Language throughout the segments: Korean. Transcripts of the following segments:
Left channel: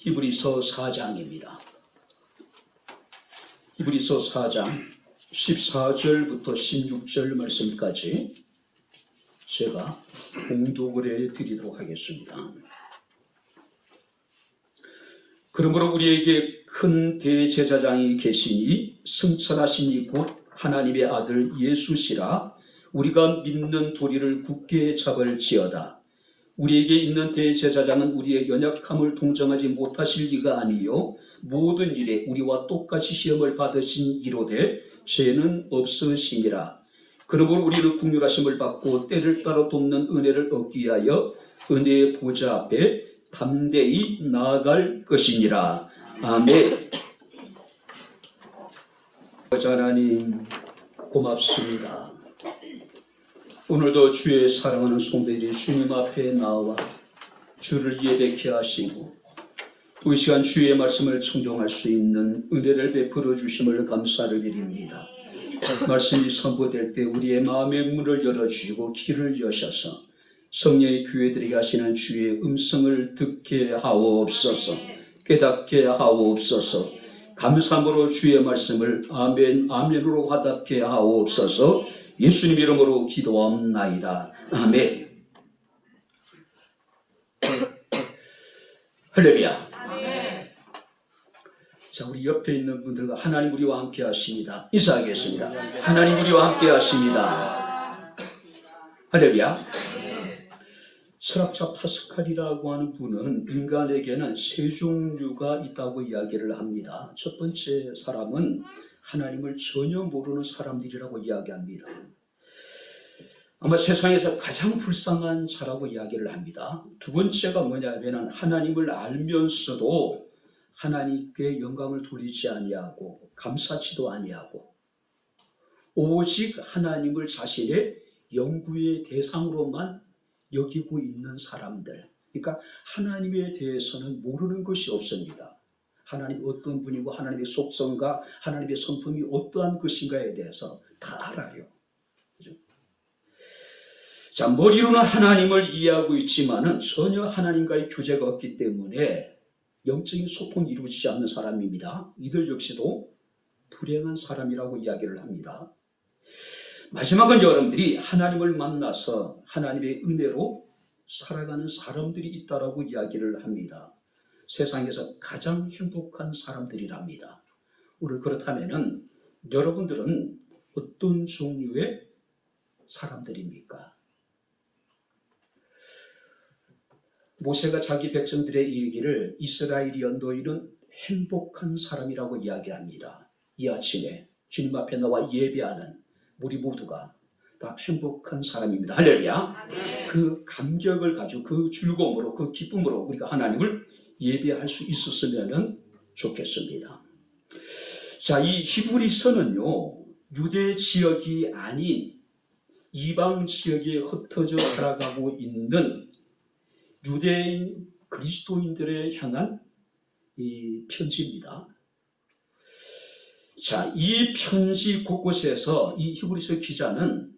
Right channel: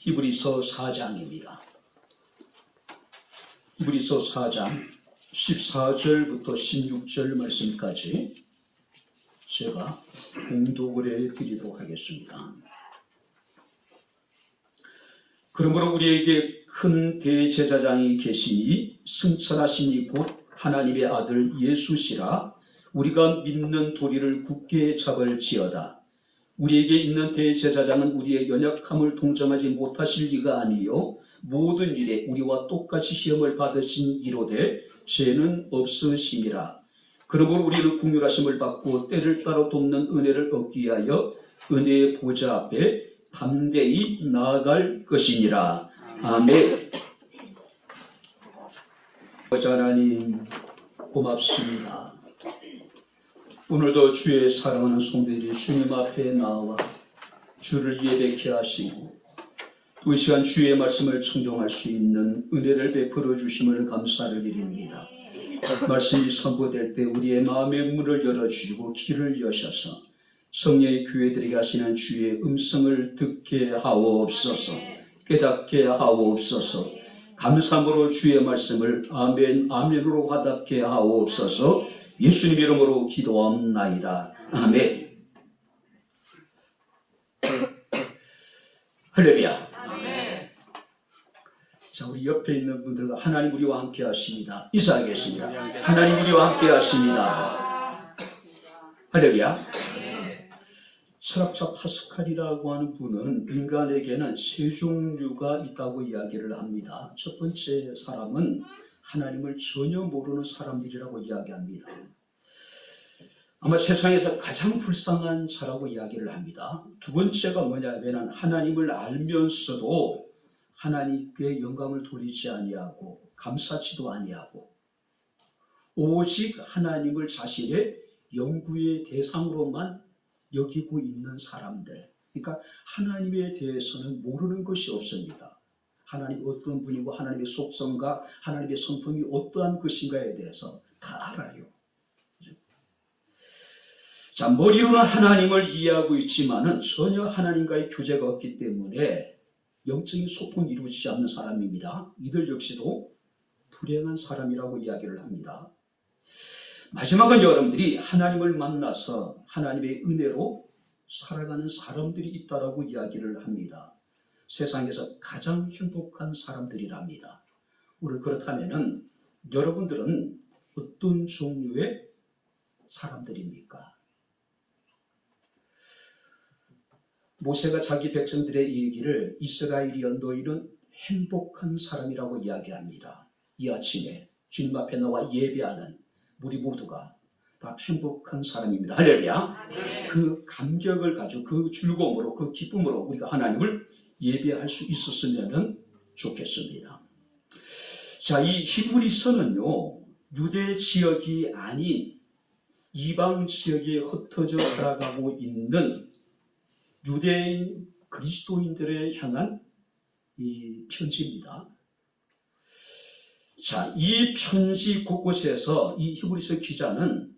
히브리서 4장입니다. 히브리서 4장 14절부터 16절 말씀까지 제가 봉독을 해드리도록 하겠습니다. 그러므로 우리에게 큰 대제사장이 계시니 승천하시니 곧 하나님의 아들 예수시라. 우리가 믿는 도리를 굳게 잡을지어다. 우리에게 있는 대제사장은 우리의 연약함을 동정하지 못하실 리가 아니요 모든 일에 우리와 똑같이 시험을 받으신 이로되 죄는 없으시니라. 그러므로 우리는 긍휼하심을 받고 때를 따라 돕는 은혜를 얻기 위하여 은혜의 보좌 앞에 담대히 나아갈 것이니라. 아멘. 하나님 고맙습니다. 오늘도 주의 사랑하는 성도들이 주님 앞에 나와 주를 예배케 하시고 또 이 시간 주의 말씀을 청종할 수 있는 은혜를 베풀어 주심을 감사를 드립니다. 말씀이 선포될 때 우리의 마음의 문을 열어주시고 길을 여셔서 성령의 교회들에게 하시는 주의 음성을 듣게 하옵소서. 깨닫게 하옵소서. 감사함으로 주의 말씀을 아멘 아멘으로 화답게 하옵소서. 예수님 이름으로 기도합나이다. 아멘. 할렐루야. 아멘. 자, 우리 옆에 있는 분들과 하나님 우리와 함께 하십니다. 인사하겠습니다. 하나님 우리와 함께 하십니다. 할렐루야. 철학자 파스칼이라고 하는 분은 인간에게는 세 종류가 있다고 이야기를 합니다. 첫 번째 사람은 하나님을 전혀 모르는 사람들이라고 이야기합니다. 아마 세상에서 가장 불쌍한 자라고 이야기를 합니다. 두 번째가 뭐냐면 하나님을 알면서도 하나님께 영광을 돌리지 아니하고 감사치도 아니하고 오직 하나님을 자신의 연구의 대상으로만 여기고 있는 사람들. 그러니까 하나님에 대해서는 모르는 것이 없습니다. 하나님 어떤 분이고 하나님의 속성과 하나님의 성품이 어떠한 것인가에 대해서 다 알아요. 자, 머리로는 하나님을 이해하고 있지만은 전혀 하나님과의 교제가 없기 때문에 영적인 소통이 이루어지지 않는 사람입니다. 이들 역시도 불행한 사람이라고 이야기를 합니다. 마지막은 여러분들이 하나님을 만나서 하나님의 은혜로 살아가는 사람들이 있다라고 이야기를 합니다. 세상에서 가장 행복한 사람들이랍니다. 오늘 그렇다면은 여러분들은 어떤 종류의 사람들입니까? 모세가 자기 백성들의 얘기를 이스라엘이 너희는 행복한 사람이라고 이야기합니다. 이 아침에 주님 앞에 나와 예배하는 우리 모두가 다 행복한 사람입니다. 할렐루야. 그 감격을 가지고 그 즐거움으로 그 기쁨으로 우리가 하나님을 예배할 수 있었으면 좋겠습니다. 자, 이 히브리서는요 유대 지역이 아닌 이방 지역에 흩어져 살아가고 있는 유대인 그리스도인들에 향한 이 편지입니다. 자, 이 편지 곳곳에서 이 히브리서 기자는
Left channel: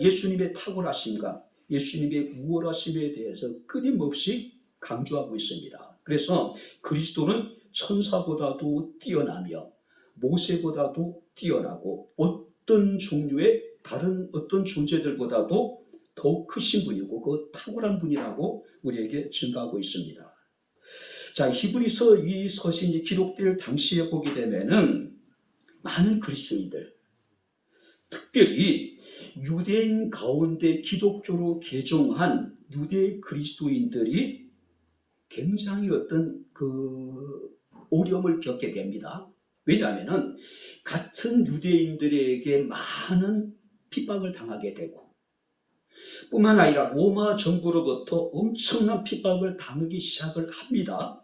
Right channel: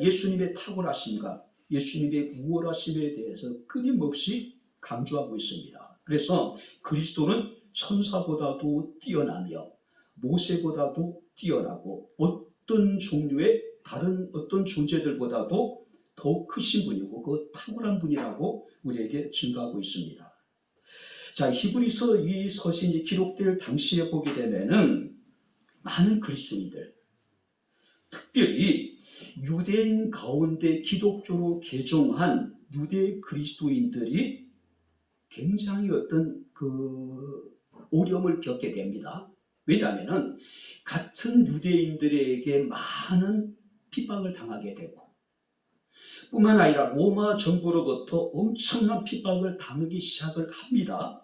예수님의 탁월하심과 예수님의 우월하심에 대해서 끊임없이 강조하고 있습니다. 그래서 그리스도는 천사보다도 뛰어나며 모세보다도 뛰어나고 어떤 종류의 다른 어떤 존재들보다도 더 크신 분이고 그 탁월한 분이라고 우리에게 증가하고 있습니다. 자, 히브리서 이 서신이 기록될 당시에 보게 되면은 많은 그리스도인들, 특별히 유대인 가운데 기독교로 개종한 유대 그리스도인들이 굉장히 어떤 어려움을 겪게 됩니다. 왜냐하면 같은 유대인들에게 많은 핍박을 당하게 되고 뿐만 아니라 로마 정부로부터 엄청난 핍박을 당하기 시작을 합니다.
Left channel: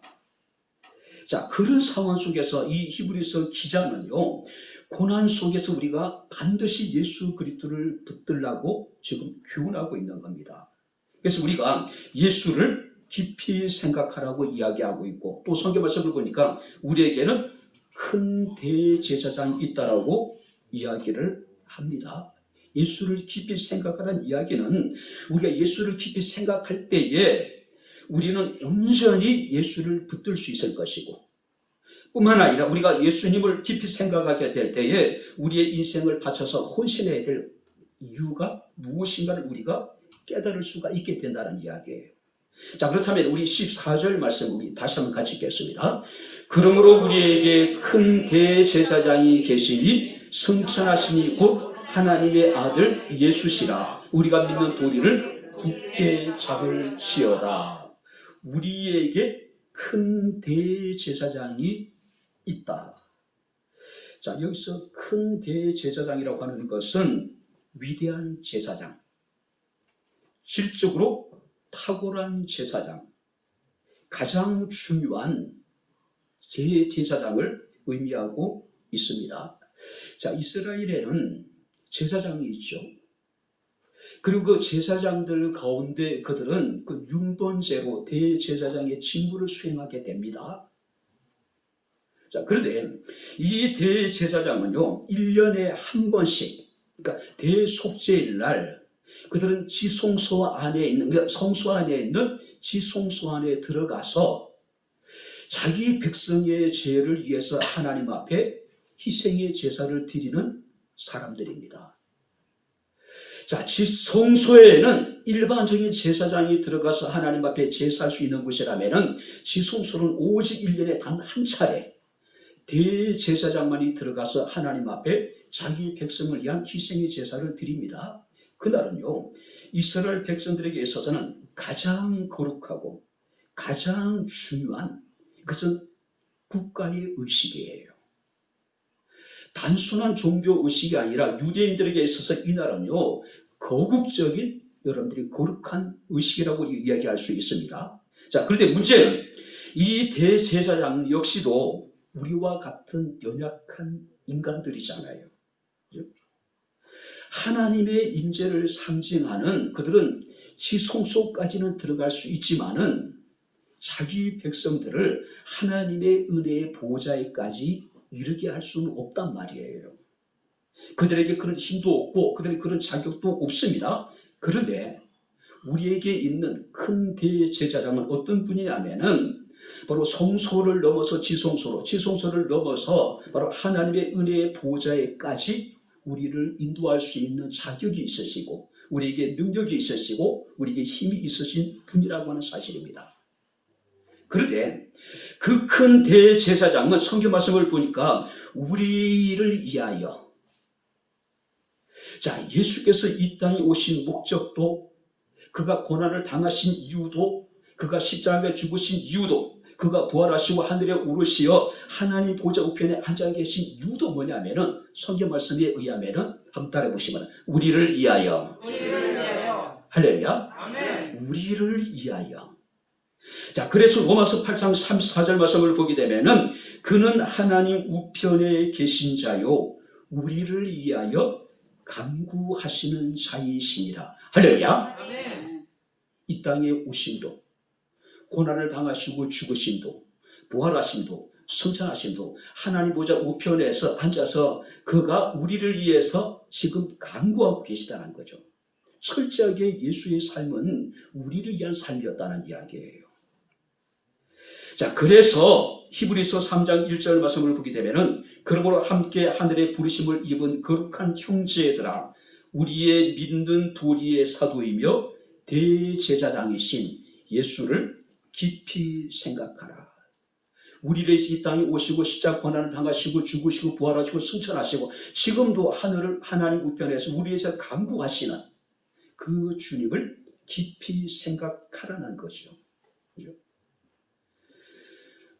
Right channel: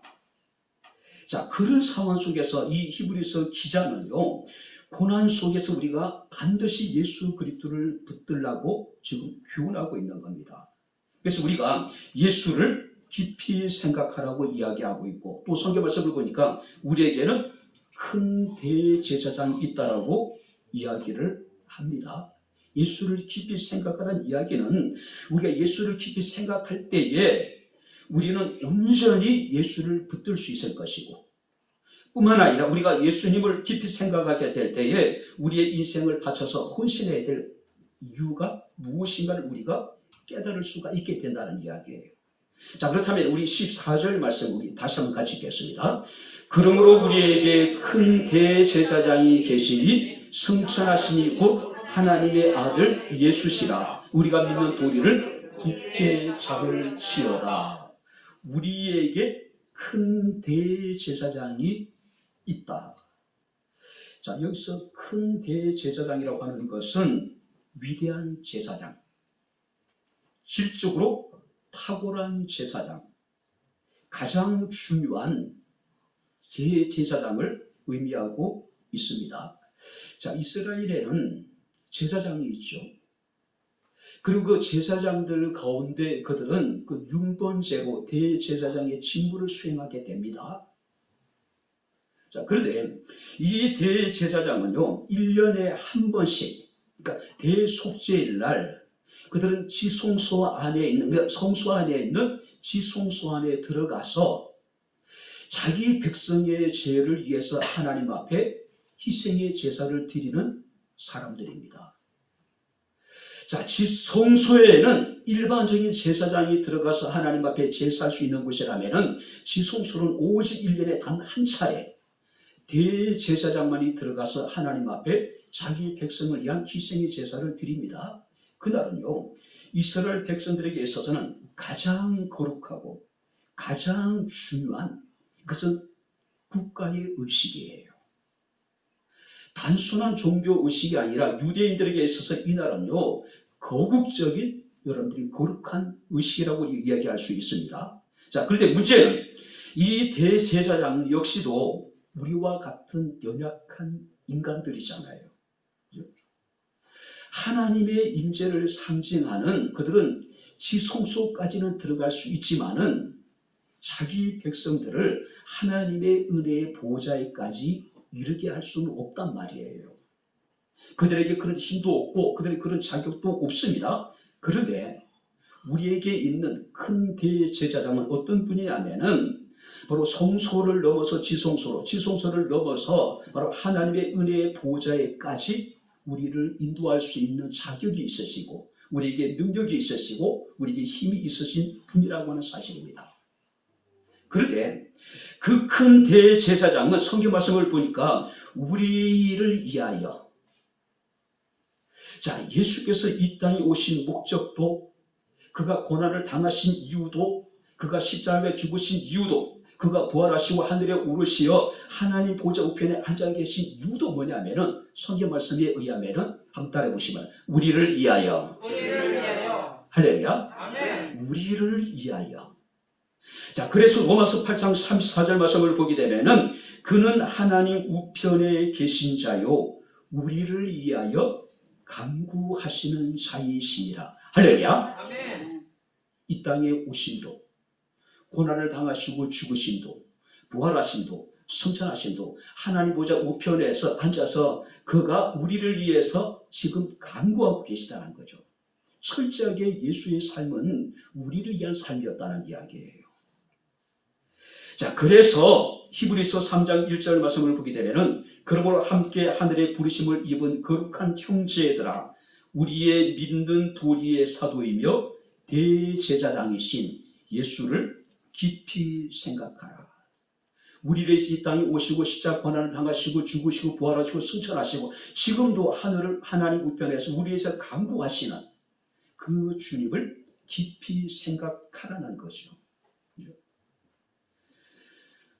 자, 그런 상황 속에서 이 히브리서 기자는요 고난 속에서 우리가 반드시 예수 그리스도를 붙들라고 지금 교훈하고 있는 겁니다. 그래서 우리가 예수를 깊이 생각하라고 이야기하고 있고 또 성경 말씀을 보니까 우리에게는 큰 대제사장이 있다라고 이야기를 합니다. 예수를 깊이 생각하라는 이야기는 우리가 예수를 깊이 생각할 때에 우리는 온전히 예수를 붙들 수 있을 것이고, 뿐만 아니라 우리가 예수님을 깊이 생각하게 될 때에 우리의 인생을 바쳐서 헌신해야 될 이유가 무엇인가를 우리가 깨달을 수가 있게 된다는 이야기예요. 자, 그렇다면 우리 14절 말씀 우리 다시 한번 같이 읽겠습니다. 그러므로 우리에게 큰 대제사장이 계시니 승천하시니 곧 하나님의 아들 예수시라. 우리가 믿는 도리를 굳게 잡을지어다. 우리에게 큰 대제사장이 있다. 자, 여기서 큰 대제사장이라고 하는 것은 위대한 제사장, 질적으로 탁월한 제사장, 가장 중요한 제사장을 의미하고 있습니다. 자, 이스라엘에는 제사장이 있죠. 그리고 그 제사장들 가운데 그들은 그 융번제로 대제사장의 직무를 수행하게 됩니다. 자, 그런데 이 대제사장은요, 1년에 한 번씩, 그러니까 대속죄일 날 그들은 지성소 안에 있는, 성소 안에 있는 지성소 안에 들어가서 자기 백성의 죄를 위해서 하나님 앞에 희생의 제사를 드리는 사람들입니다. 자, 지성소에는 일반적인 제사장이 들어가서 하나님 앞에 제사할 수 있는 곳이라면은 지성소는 오직 1년에 단 한 차례 대제사장만이 들어가서 하나님 앞에 자기 백성을 위한 희생의 제사를 드립니다. 그날은요, 이스라엘 백성들에게 있어서는 가장 거룩하고 가장 중요한 그것은 국가의 의식이에요. 단순한 종교 의식이 아니라 유대인들에게 있어서 이날은요, 거국적인 여러분들이 거룩한 의식이라고 이야기할 수 있습니다. 자, 그런데 문제는 이 대제사장 역시도 우리와 같은 연약한 인간들이잖아요. 하나님의 임재를 상징하는 그들은 지성소까지는 들어갈 수 있지만은 자기 백성들을 하나님의 은혜의 보좌에까지 이르게 할 수는 없단 말이에요. 그들에게 그런 힘도 없고 그들에게 그런 자격도 없습니다. 그런데 우리에게 있는 큰 대제사장은 어떤 분이냐면은 바로 성소를 넘어서 지성소로, 지성소를 넘어서 바로 하나님의 은혜의 보좌에까지 우리를 인도할 수 있는 자격이 있으시고 우리에게 능력이 있으시고 우리에게 힘이 있으신 분이라고 하는 사실입니다. 그런데 그 큰 대제사장은 성경 말씀을 보니까 우리를 위하여, 자, 예수께서 이 땅에 오신 목적도, 그가 고난을 당하신 이유도, 그가 십자가에 죽으신 이유도, 그가 부활하시고 하늘에 오르시어 하나님 보좌 우편에 앉아 계신 이유도 뭐냐면은 성경 말씀에 의하면은 한번 따라해 보시면 우리를 위하여, 할렐루야, 아멘. 우리를 위하여. 자, 그래서 로마서 8장 34절 말씀을 보게 되면은 그는 하나님 우편에 계신 자요 우리를 위하여 간구하시는 자이시니라. 할렐루야, 아멘. 이 땅에 오심도, 고난을 당하시고 죽으심도, 부활하심도, 승천하심도 하나님 보좌 우편에서 앉아서 그가 우리를 위해서 지금 간구하고 계시다는 거죠. 철저하게 예수의 삶은 우리를 위한 삶이었다는 이야기예요. 자, 그래서 히브리서 3장 1절 말씀을 보게 되면은 그러므로 함께 하늘의 부르심을 입은 거룩한 형제들아, 우리의 믿는 도리의 사도이며 대제사장이신 예수를 깊이 생각하라. 우리를 이 땅에 오시고 십자가 고난을 당하시고 죽으시고 부활하시고 승천하시고 지금도 하나님 우편에서 우리에서 간구하시는 그 주님을 깊이 생각하라는 것이죠. 그렇죠?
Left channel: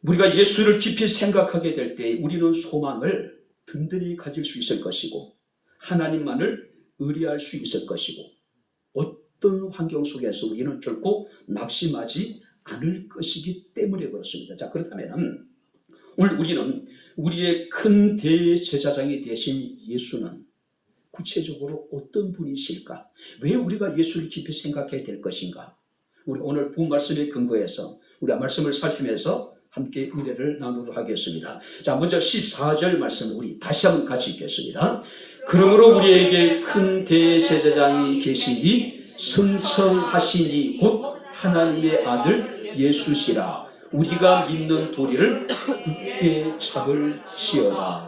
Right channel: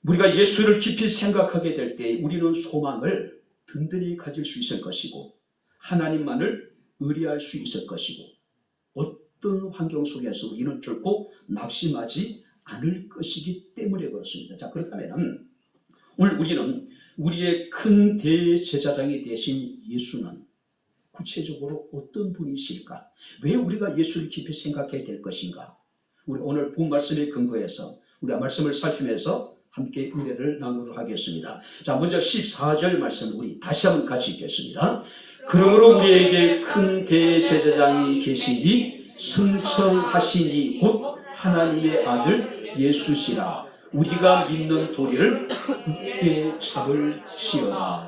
우리가 예수를 깊이 생각하게 될 때 우리는 소망을 든든히 가질 수 있을 것이고 하나님만을 의뢰할 수 있을 것이고 어떤 환경 속에서 우리는 결코 낙심하지 않을 것이기 때문에 그렇습니다. 자, 그렇다면 오늘 우리는 우리의 큰 대제사장이 되신 예수는 구체적으로 어떤 분이실까? 왜 우리가 예수를 깊이 생각해야 될 것인가? 우리 오늘 본 말씀에 근거해서 우리 말씀을 살피면서 함께 은혜를 나누도록 하겠습니다. 자, 먼저 14절 말씀 우리 다시 한번 같이 읽겠습니다. 그러므로 우리에게 큰 대제사장이 계시니 승천하시니 곧 하나님의 아들 예수시라. 우리가 믿는 도리를 굳게 잡을지어다.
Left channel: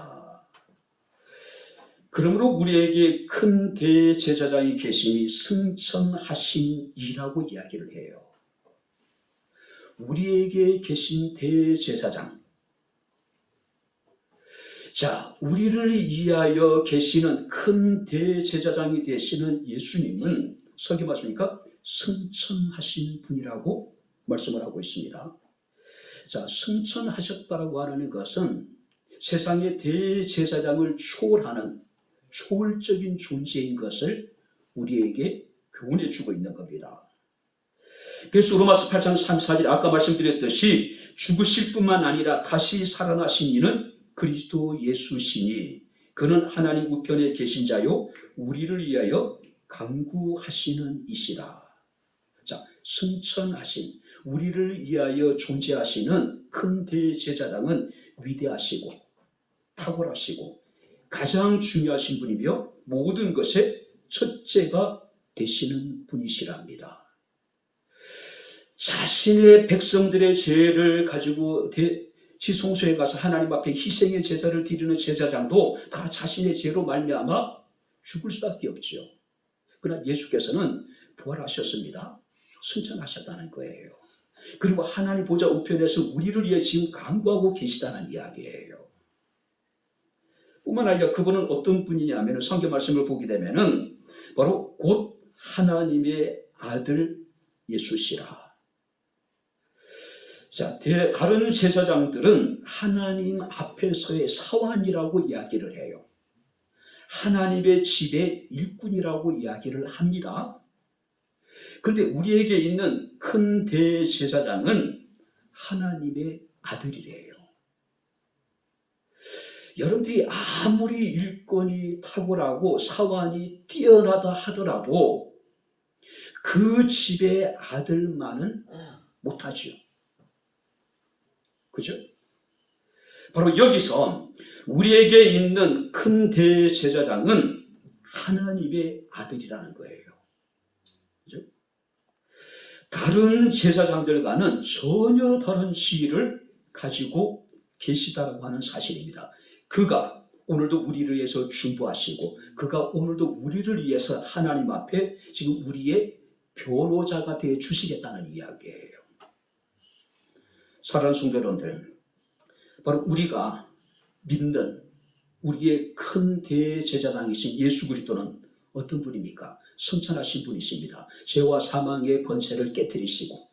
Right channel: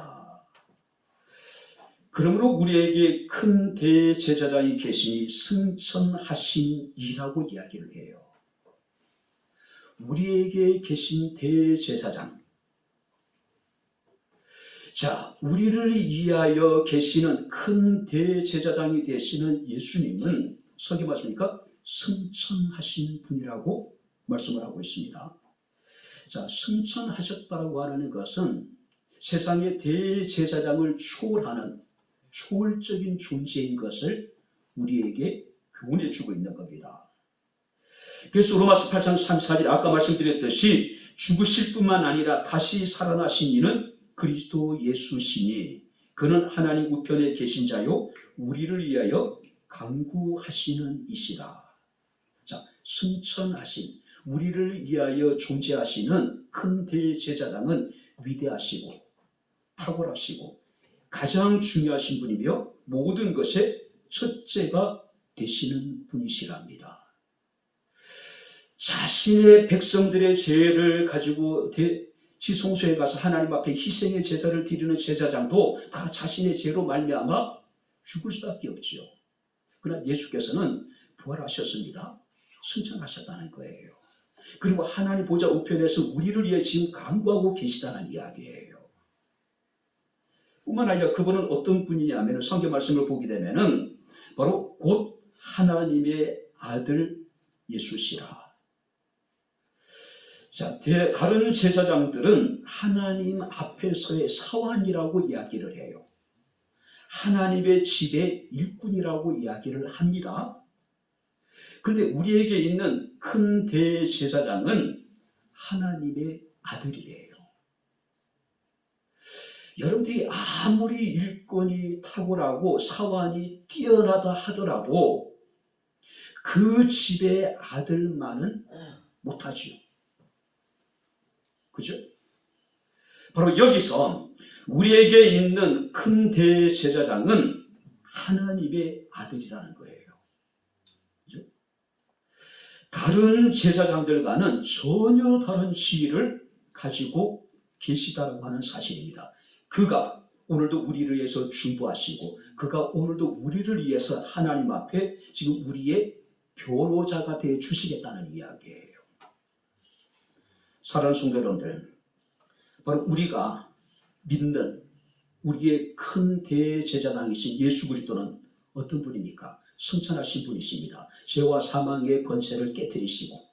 그러므로 우리에게 큰 대제사장이 계시니 승천하신이라고 이야기를 해요. 우리에게 계신 대제사장. 자, 우리를 위하여 계시는 큰 대제사장이 되시는 예수님은 성경 맞습니까? 승천하신 분이라고 말씀을 하고 있습니다. 자, 승천하셨다고 하는 것은 세상의 대제사장을 초월하는 초월적인 존재인 것을 우리에게 교훈해 주고 있는 겁니다. 그래서 로마서 8장 34절 아까 말씀드렸듯이 죽으실 뿐만 아니라 다시 살아나신 이는 그리스도 예수시니 그는 하나님 우편에 계신 자요 우리를 위하여 간구하시는 이시라. 자, 승천하신 우리를 위하여 존재하시는 큰 대제사장은 위대하시고 탁월하시고 가장 중요하신 분이며 모든 것의 첫째가 되시는 분이시랍니다. 자신의 백성들의 죄를 가지고 지성소에 가서 하나님 앞에 희생의 제사를 드리는 제사장도 다 자신의 죄로 말미암아 죽을 수밖에 없죠. 그러나 예수께서는 부활하셨습니다. 승천하셨다는 거예요. 그리고 하나님 보좌 우편에서 우리를 위해 지금 간구하고 계시다는 이야기예요. 뿐만 아니라 그분은 어떤 분이냐면 성경 말씀을 보게 되면은 바로 곧 하나님의 아들 예수시라. 자, 다른 제사장들은 하나님 앞에서의 사환이라고 이야기를 해요. 하나님의 집의 일꾼이라고 이야기를 합니다. 그런데 우리에게 있는 큰 대제사장은 하나님의 아들이래요. 여러분들이 아무리 일꾼이 탁월하고 사환이 뛰어나다 하더라도 그 집의 아들만은 못하지요. 그죠? 바로 여기서 우리에게 있는 큰 대제사장은 하나님의 아들이라는 거예요. 그죠? 다른 제사장들과는 전혀 다른 지위를 가지고 계시다라고 하는 사실입니다. 그가 오늘도 우리를 위해서 중보하시고 그가 오늘도 우리를 위해서 하나님 앞에 지금 우리의 변호자가 되어 주시겠다는 이야기예요. 사랑하는 성도 여러분들, 바로 우리가 믿는 우리의 큰 대제사장이신 예수 그리스도는 어떤 분입니까? 승천하신 분이십니다. 죄와 사망의 권세를 깨뜨리시고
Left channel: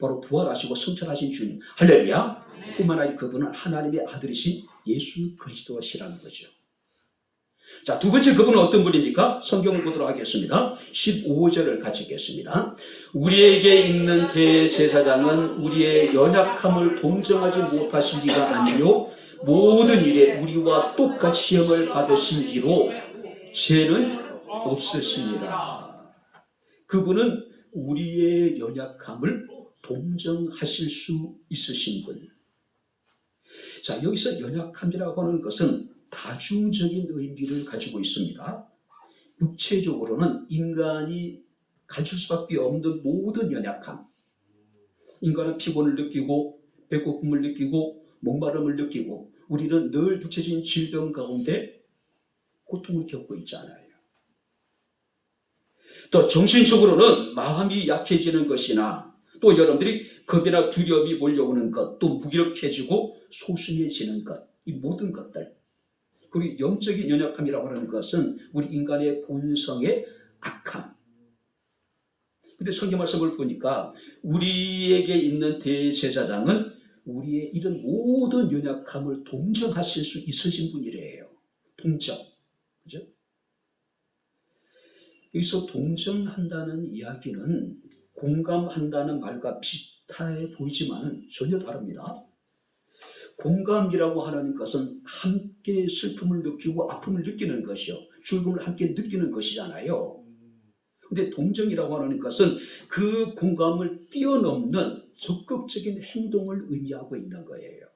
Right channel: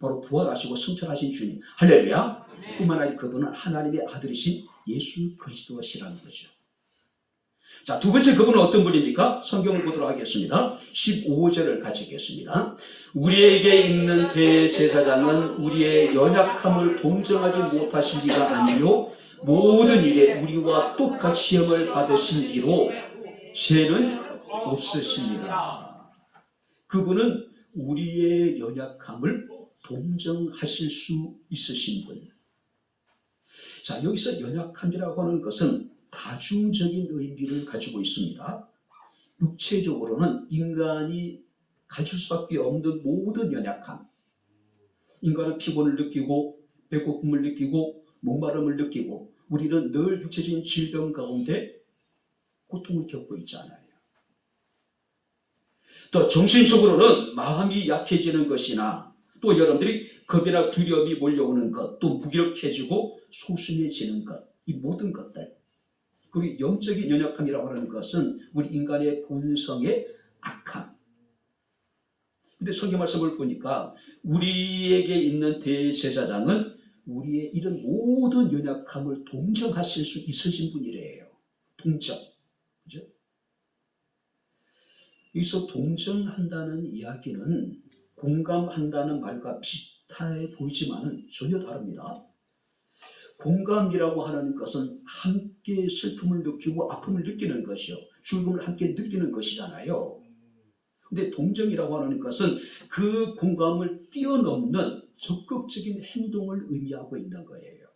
바로 부활하시고 승천하신 주님, 할렐루야. 뿐만 아니라 그분은 하나님의 아들이신 예수 그리스도시라는 거죠. 자, 두 번째 그분은 어떤 분입니까? 성경을 보도록 하겠습니다. 15절을 같이 읽겠습니다. 우리에게 있는 대제사장은 우리의 연약함을 동정하지 못하신 이가 아니요 모든 일에 우리와 똑같이 시험을 받으신 이로 죄는 없으십니다. 그분은 우리의 연약함을 동정하실 수 있으신 분. 자, 여기서 연약함이라고 하는 것은 다중적인 의미를 가지고 있습니다. 육체적으로는 인간이 가질 수밖에 없는 모든 연약함. 인간은 피곤을 느끼고 배고픔을 느끼고 목마름을 느끼고 우리는 늘 육체적인 질병 가운데 고통을 겪고 있잖아요. 또 정신적으로는 마음이 약해지는 것이나 또 여러분들이 겁이나 두려움이 몰려오는 것, 또 무기력해지고 소심해지는 것, 이 모든 것들. 그리고 영적인 연약함이라고 하는 것은 우리 인간의 본성의 악함. 근데 성경 말씀을 보니까 우리에게 있는 대제사장은 우리의 이런 모든 연약함을 동정하실 수 있으신 분이래요. 동정. 그죠? 여기서 동정한다는 이야기는 공감한다는 말과 비슷해 보이지만은 전혀 다릅니다. 공감이라고 하는 것은 함께 슬픔을 느끼고 아픔을 느끼는 것이요. 죽음을 함께 느끼는 것이잖아요. 근데 동정이라고 하는 것은 그 공감을 뛰어넘는 적극적인 행동을 의미하고 있는 거예요.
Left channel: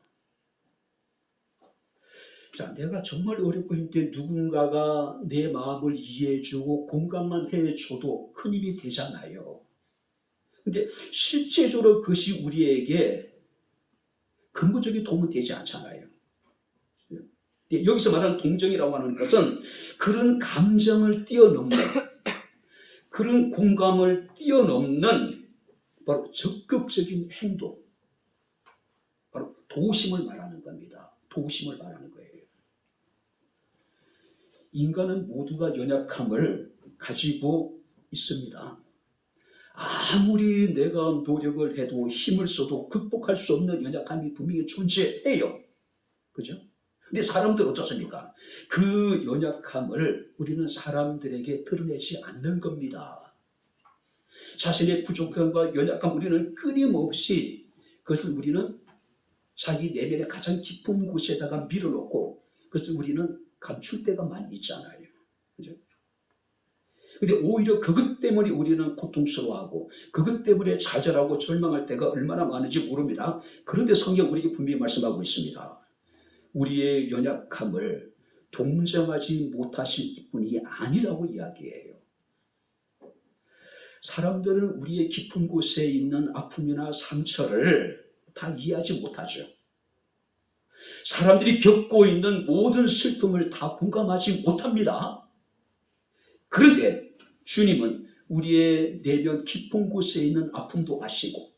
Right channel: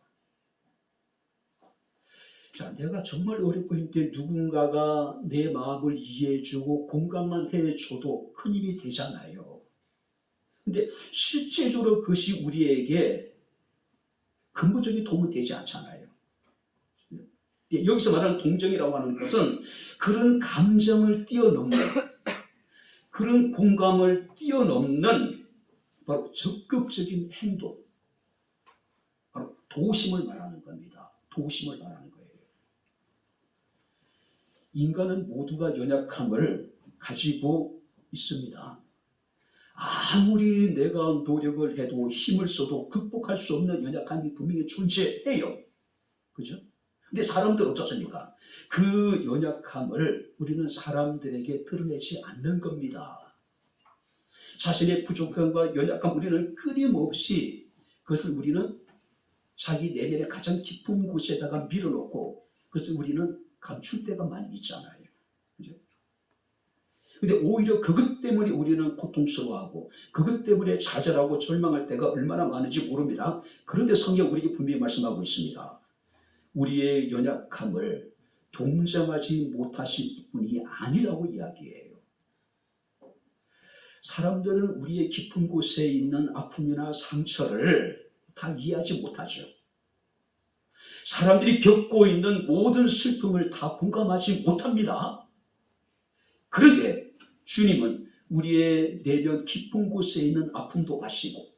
자, 내가 정말 어렵고 힘들 때 누군가가 내 마음을 이해해주고 공감만 해줘도 큰 힘이 되잖아요. 근데 실제적으로 그것이 우리에게 근본적인 도움은 되지 않잖아요. 여기서 말하는 동정이라고 하는 것은 그런 감정을 뛰어넘는, 그런 공감을 뛰어넘는 바로 적극적인 행동, 바로 도심을 말하는 겁니다. 도심을 말하는 거예요. 인간은 모두가 연약함을 가지고 있습니다. 아무리 내가 노력을 해도 힘을 써도 극복할 수 없는 연약함이 분명히 존재해요. 그죠? 근데 사람들은 어떻습니까? 그 연약함을 우리는 사람들에게 드러내지 않는 겁니다. 자신의 부족함과 연약함 우리는 끊임없이 그것을 우리는 자기 내면의 가장 깊은 곳에다가 밀어넣고 그것을 우리는 감출 때가 많이 있잖아요. 그죠? 근데 오히려 그것 때문에 우리는 고통스러워하고 그것 때문에 좌절하고 절망할 때가 얼마나 많은지 모릅니다. 그런데 성경 우리에게 분명히 말씀하고 있습니다. 우리의 연약함을 동정하지 못하실 분이 아니라고 이야기해요. 사람들은 우리의 깊은 곳에 있는 아픔이나 상처를 다 이해하지 못하죠. 사람들이 겪고 있는 모든 슬픔을 다 공감하지 못합니다. 그런데 주님은 우리의 내면 깊은 곳에 있는 아픔도 아시고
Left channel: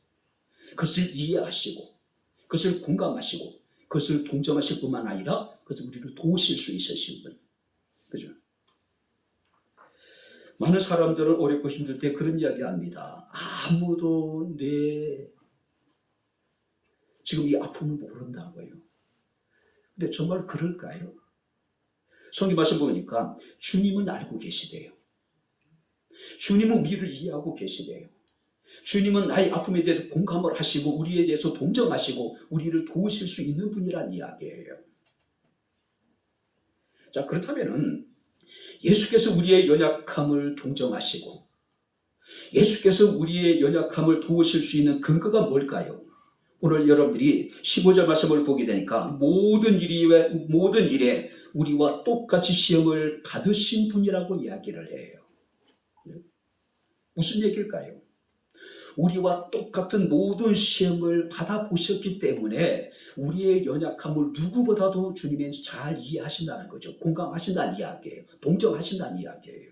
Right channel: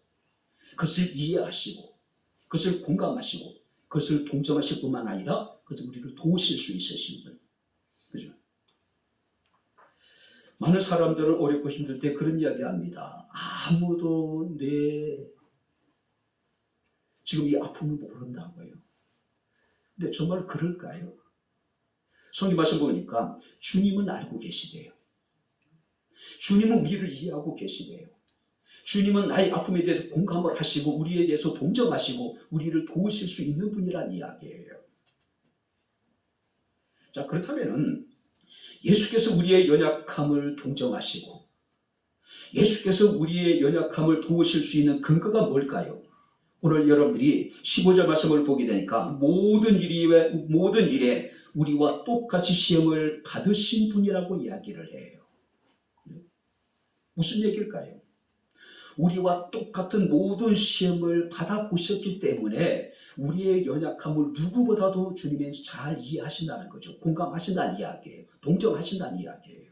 그것을 이해하시고 그것을 공감하시고 그것을 동정하실 뿐만 아니라 그것을 우리를 도우실 수 있으신 분. 그죠? 많은 사람들은 어렵고 힘들 때 그런 이야기 합니다. 아무도 내 지금 이 아픔을 모른다고요. 근데 정말 그럴까요? 성경 말씀 보니까 주님은 알고 계시대요. 주님은 우리를 이해하고 계시대요. 주님은 나의 아픔에 대해서 공감을 하시고 우리에 대해서 동정하시고 우리를 도우실 수 있는 분이란 이야기예요. 자, 그렇다면 예수께서 우리의 연약함을 동정하시고 예수께서 우리의 연약함을 도우실 수 있는 근거가 뭘까요? 오늘 여러분들이 15절 말씀을 보게 되니까 모든 일에 우리와 똑같이 시험을 받으신 분이라고 이야기를 해요. 무슨 얘기일까요? 우리와 똑같은 모든 시험을 받아보셨기 때문에 우리의 연약함을 누구보다도 주님이 잘 이해하신다는 거죠. 공감하신다는 이야기예요. 동정하신다는 이야기예요.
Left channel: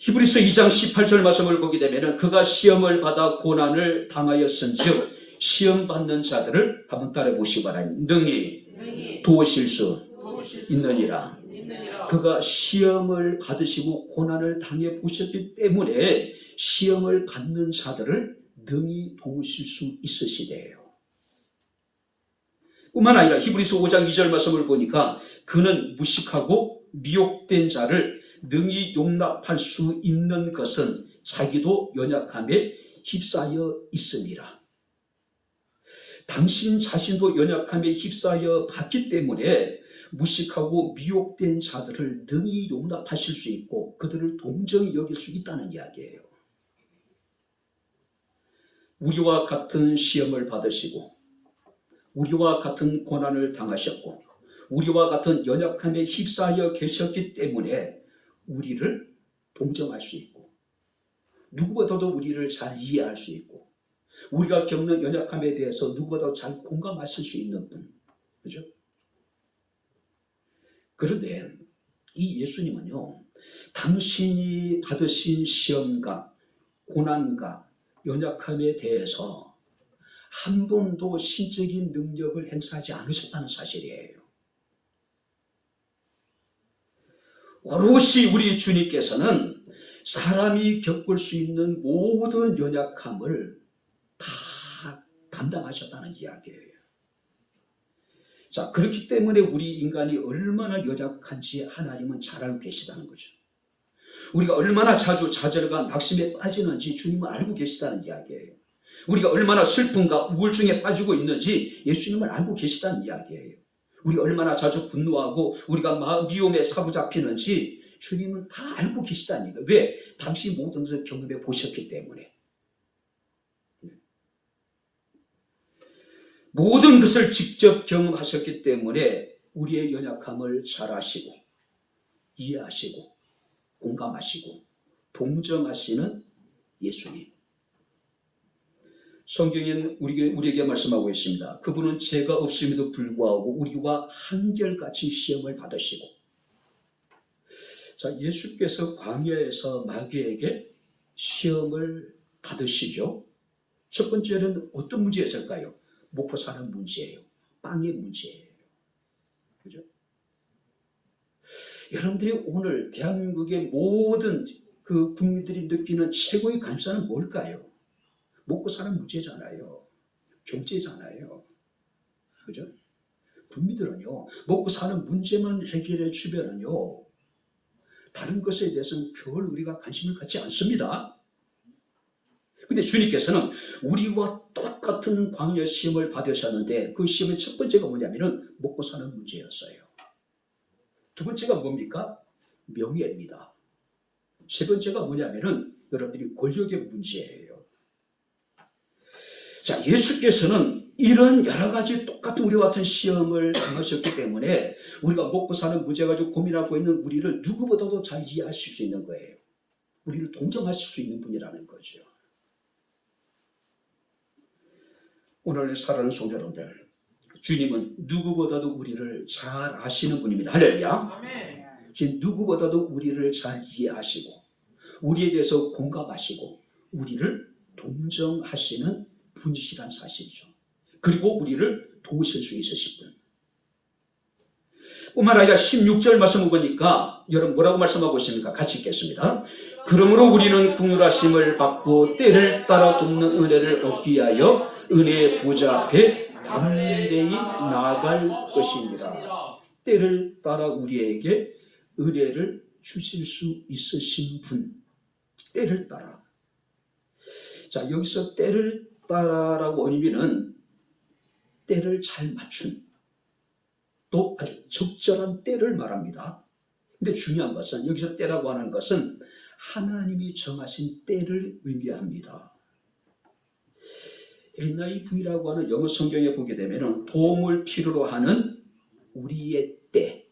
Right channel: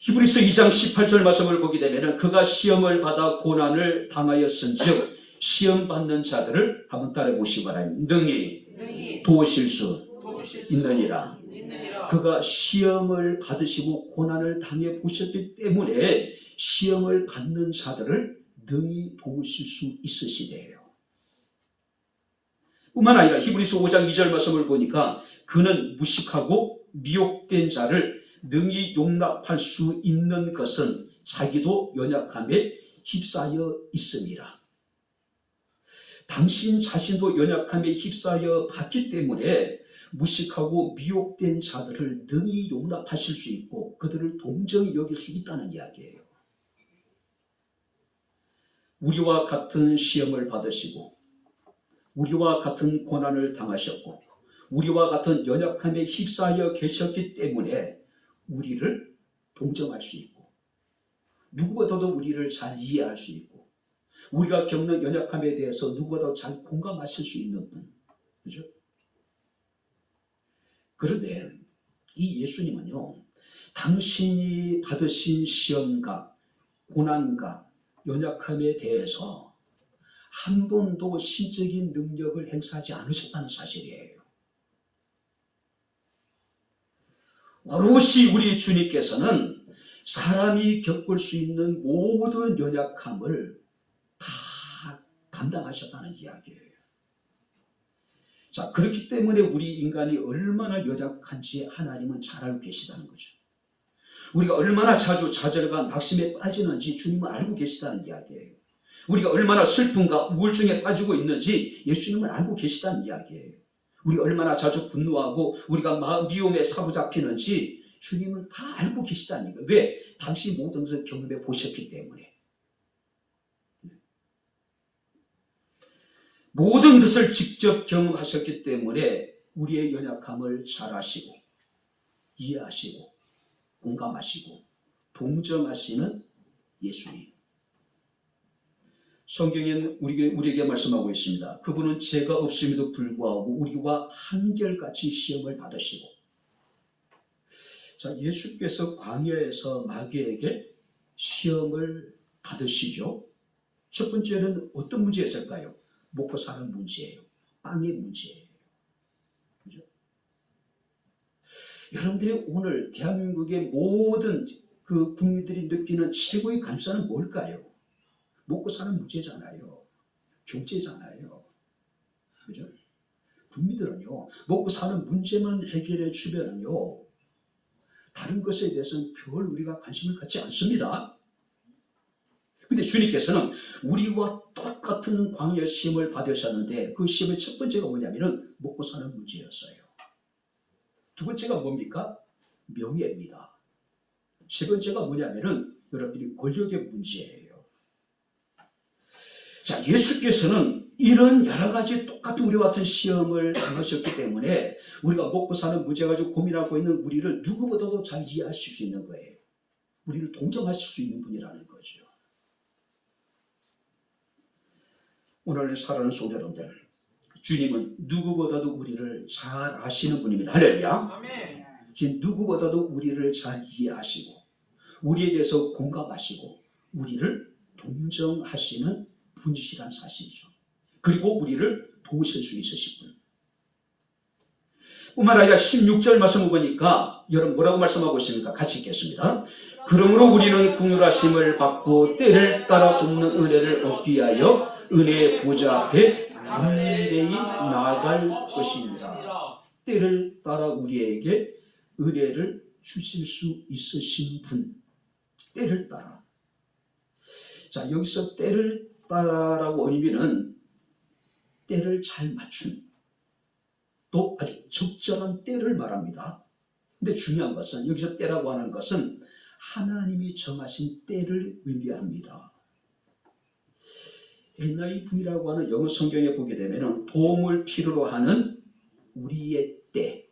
히브리서 2장 18절 말씀을 보게 되면 그가 시험을 받아 고난을 당하였은즉 시험 받는 자들을 한번 따라 보시기 바랍니다. 능히 도우실 수 있느니라. 그가 시험을 받으시고 고난을 당해 보셨기 때문에 시험을 받는 자들을 능히 도우실 수 있으시대요. 뿐만 아니라 히브리서 5장 2절 말씀을 보니까 그는 무식하고 미혹된 자를 능히 용납할 수 있는 것은 자기도 연약함에 휩싸여 있음이라. 당신 자신도 연약함에 휩싸여 봤기 때문에 무식하고 미혹된 자들을 능히 용납하실 수 있고 그들을 동정히 여길 수 있다는 이야기예요. 우리와 같은 시험을 받으시고 우리와 같은 고난을 당하셨고 우리와 같은 연약함에 휩싸여 계셨기 때문에 우리를 동정할 수 있고 누구보다도 우리를 잘 이해할 수 있고 우리가 겪는 연약함에 대해서 누구보다도 잘 공감하실 수 있는 분. 그죠? 그런데 이 예수님은요, 당신이 받으신 시험과 고난과 연약함에 대해서 한 번도 신적인 능력을 행사하지 않으셨다는 사실이에요. 오롯이 우리 주님께서는 사람이 겪을 수 있는 모든 연약함을 다 담당하셨다는 이야기예요. 자, 그렇기 때문에 우리 인간이 얼마나 연약한지 하나님은 잘 알고 계시다는 거죠. 우리가 얼마나 자주 좌절과 낙심에 빠지는지 주님은 알고 계시다는 이야기예요. 우리가 얼마나 슬픔과 우울증에 빠지고 있는지 예수님은 알고 계시다는 이야기예요. 우리가 얼마나 자주 분노하고 우리가 미움에 사로잡히는지 주님은 다 알고 계시다는 거예요. 왜? 당시 모든 것을 경험해 보셨기 때문에. 모든 것을 직접 경험하셨기 때문에 우리의 연약함을 잘 아시고 이해하시고 공감하시고 동정하시는 예수님. 성경엔 우리에게 말씀하고 있습니다. 그분은 죄가 없음에도 불구하고 우리와 한결같이 시험을 받으시고, 자, 예수께서 광야에서 마귀에게 시험을 받으시죠. 첫 번째는 어떤 문제였을까요? 먹고 사는 문제예요. 빵의 문제예요. 그죠? 여러분들이 오늘 대한민국의 모든 그 국민들이 느끼는 최고의 감사는 뭘까요? 먹고 사는 문제잖아요. 경제잖아요. 그죠? 국민들은요, 먹고 사는 문제만 해결해 주면은요, 다른 것에 대해서는 별 우리가 관심을 갖지 않습니다. 근데 주님께서는 우리와 똑같은 광야 시험을 받으셨는데, 그 시험의 첫 번째가 뭐냐면은 먹고 사는 문제였어요. 두 번째가 뭡니까? 명예입니다. 세 번째가 뭐냐면은 여러분들이 권력의 문제예요. 자, 예수께서는 이런 여러 가지 똑같은 우리와 같은 시험을 당하셨기 때문에 우리가 먹고 사는 문제 가지고 고민하고 있는 우리를 누구보다도 잘 이해하실 수 있는 거예요. 우리를 동정하실 수 있는 분이라는 거죠. 오늘 사랑하는 성도 여러분들, 주님은 누구보다도 우리를 잘 아시는 분입니다. 할렐루야. 지금 누구보다도 우리를 잘 이해하시고 우리에 대해서 공감하시고 우리를 동정하시는 분이시란 사실이죠. 그리고 우리를 도우실 수 있으신 분. 뿐만 아니라 16절 말씀을 보니까 여러분 뭐라고 말씀하고 있습니까? 같이 읽겠습니다. 그러므로 우리는 긍휼하심을 받고 때를 따라 돕는 은혜를 얻기 위하여 은혜의 보좌 앞에 담대히 나아갈 것입니다. 때를 따라 우리에게 은혜를 주실 수 있으신 분. 때를 따라. 자, 여기서 때를 따라라고 의미는 때를 잘 맞춘, 또 아주 적절한 때를 말합니다. 근데 중요한 것은 여기서 때라고 하는 것은 하나님이 정하신 때를 의미합니다. NIV라고 하는 영어 성경에 보게 되면 도움을 필요로 하는 우리의 때,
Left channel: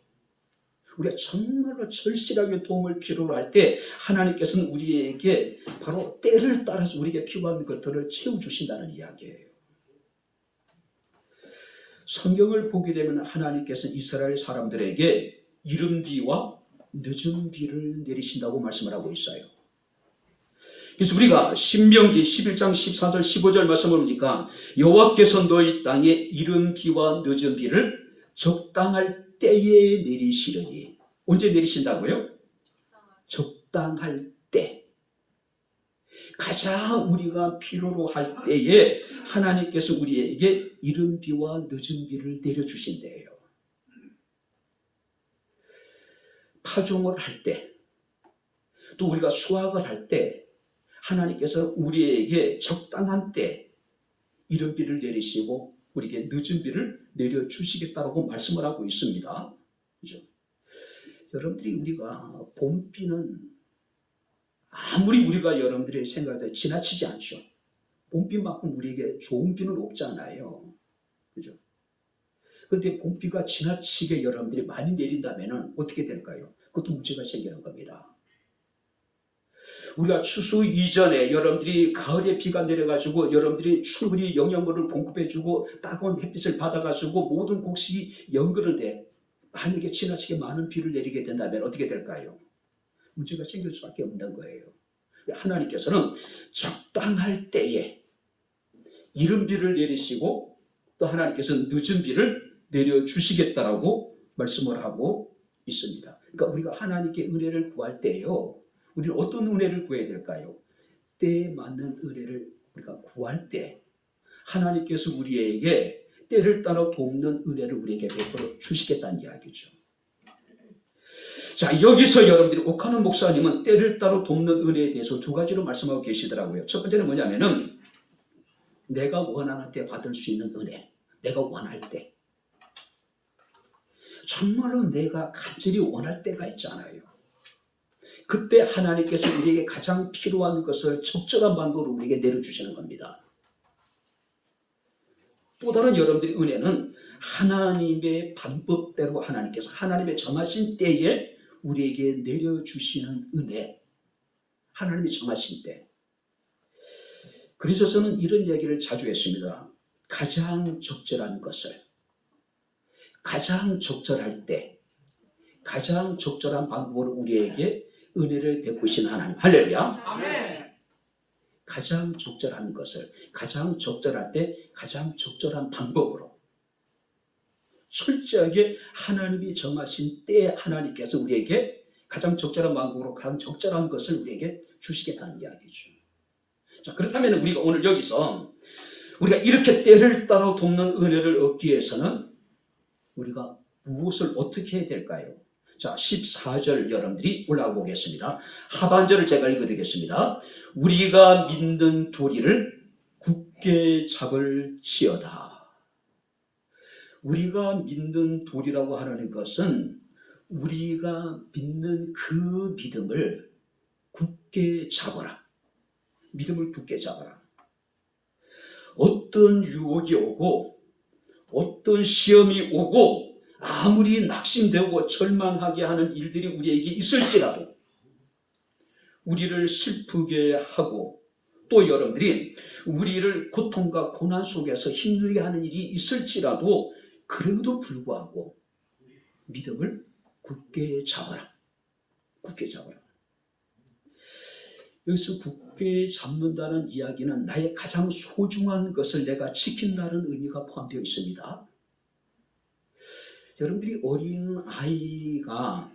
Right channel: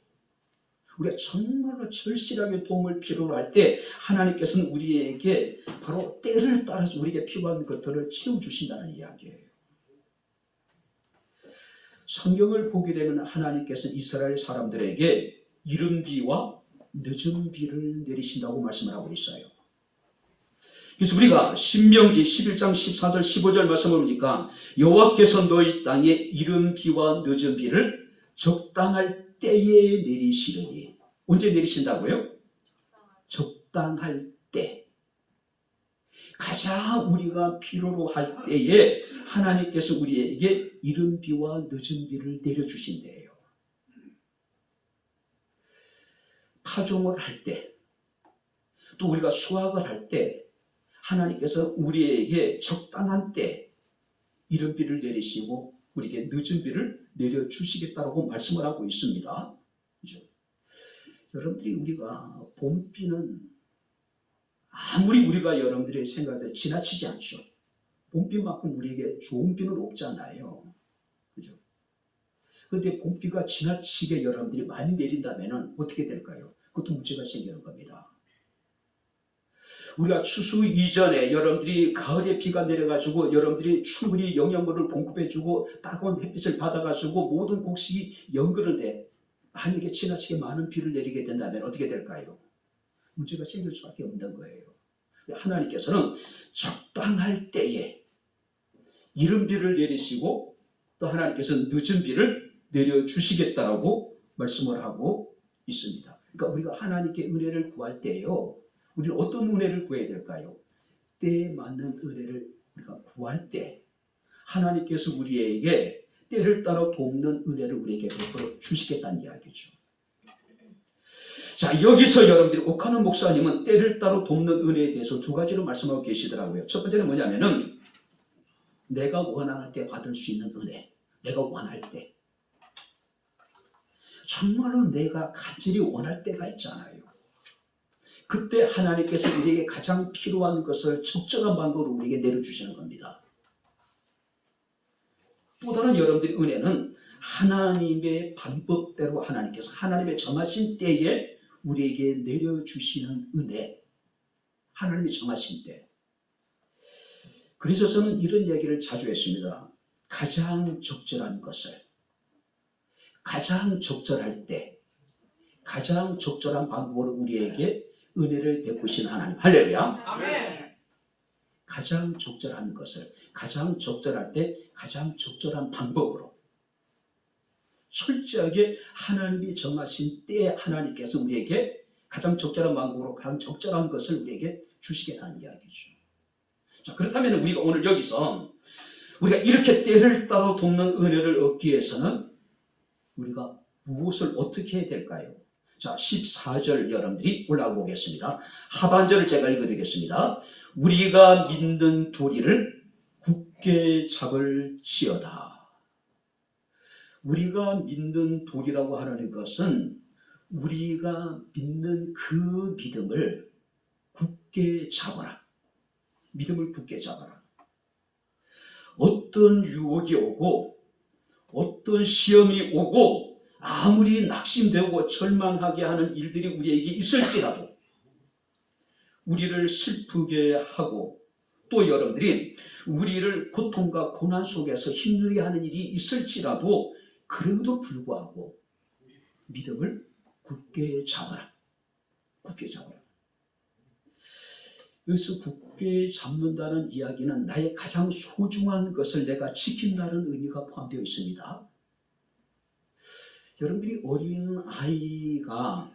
우리가 정말로 절실하게 도움을 필요로 할 때 하나님께서는 우리에게 바로 때를 따라서 우리에게 필요한 것들을 채워주신다는 이야기예요. 성경을 보게 되면 하나님께서 이스라엘 사람들에게 이른 비와 늦은 비를 내리신다고 말씀을 하고 있어요. 그래서 우리가 신명기 11장 14절 15절 말씀을 보니까 여호와께서 너희 땅에 이른 비와 늦은 비를 적당할 때에 내리시려니. 언제 내리신다고요? 적당할 때. 가장 우리가 필요로 할 때에 하나님께서 우리에게 이른 비와 늦은 비를 내려주신대요. 파종을 할 때, 또 우리가 수확을 할 때 하나님께서 우리에게 적당한 때 이른 비를 내리시고 우리에게 늦은 비를 내려주시겠다고 말씀을 하고 있습니다. 그죠? 여러분들이 우리가 봄비는 아무리 우리가 여러분들이 생각해도 지나치지 않죠. 봄비만큼 우리에게 좋은 비는 없잖아요. 그죠? 그런데 봄비가 지나치게 여러분들이 많이 내린다면 어떻게 될까요? 그것도 문제가 생기는 겁니다. 우리가 추수 이전에 여러분들이 가을에 비가 내려가지고 여러분들이 충분히 영양분을 공급해주고 따가운 햇빛을 받아가지고 모든 곡식이 연그는데 만약에 지나치게 많은 비를 내리게 된다면 어떻게 될까요? 문제가 생길 수밖에 없는 거예요. 하나님께서는 적당할 때에 이른 비를 내리시고 또 하나님께서는 늦은 비를 내려주시겠다라고 말씀을 하고 있습니다. 그러니까 우리가 하나님께 은혜를 구할 때요, 우리는 어떤 은혜를 구해야 될까요? 때에 맞는 은혜를 우리가 구할 때 하나님께서 우리에게 때를 따라 돕는 은혜를 우리에게 베풀어 주시겠다는 이야기죠. 자, 여기서 여러분들이 옥하는 목사님은 때를 따라 돕는 은혜에 대해서 두 가지로 말씀하고 계시더라고요. 첫 번째는 뭐냐면은 내가 원하는 때 받을 수 있는 은혜. 내가 원할 때. 정말로 내가 간절히 원할 때가 있잖아요. 그때 하나님께서 우리에게 가장 필요한 것을 적절한 방법으로 우리에게 내려주시는 겁니다. 또 다른 여러분들의 은혜는 하나님의 방법대로 하나님께서 하나님의 정하신 때에 우리에게 내려주시는 은혜. 하나님이 정하신 때. 그래서 저는 이런 얘기를 자주 했습니다. 가장 적절한 것을, 가장 적절할 때, 가장 적절한 방법으로 우리에게 은혜를 베푸신 하나님. 할렐루야. 아멘. 가장 적절한 것을, 가장 적절할 때, 가장 적절한 방법으로 철저하게 하나님이 정하신 때에 하나님께서 우리에게 가장 적절한 방법으로 가장 적절한 것을 우리에게 주시겠다는 이야기죠. 자, 그렇다면 우리가 오늘 여기서 우리가 이렇게 때를 따라 돕는 은혜를 얻기 위해서는 우리가 무엇을 어떻게 해야 될까요? 자, 14절 여러분들이 올라가 보겠습니다. 하반절을 제가 읽어드리겠습니다. 우리가 믿는 도리를 굳게 잡을지어다. 우리가 믿는 도리라고 하는 것은 우리가 믿는 그 믿음을 굳게 잡아라. 믿음을 굳게 잡아라. 어떤 유혹이 오고 어떤 시험이 오고 아무리 낙심되고 절망하게 하는 일들이 우리에게 있을지라도 우리를 슬프게 하고 또 여러분들이 우리를 고통과 고난 속에서 힘들게 하는 일이 있을지라도 그럼에도 불구하고 믿음을 굳게 잡아라. 굳게 잡아라. 여기서 굳게 잡는다는 이야기는 나의 가장 소중한 것을 내가 지킨다는 의미가 포함되어 있습니다. 여러분들이 어린 아이가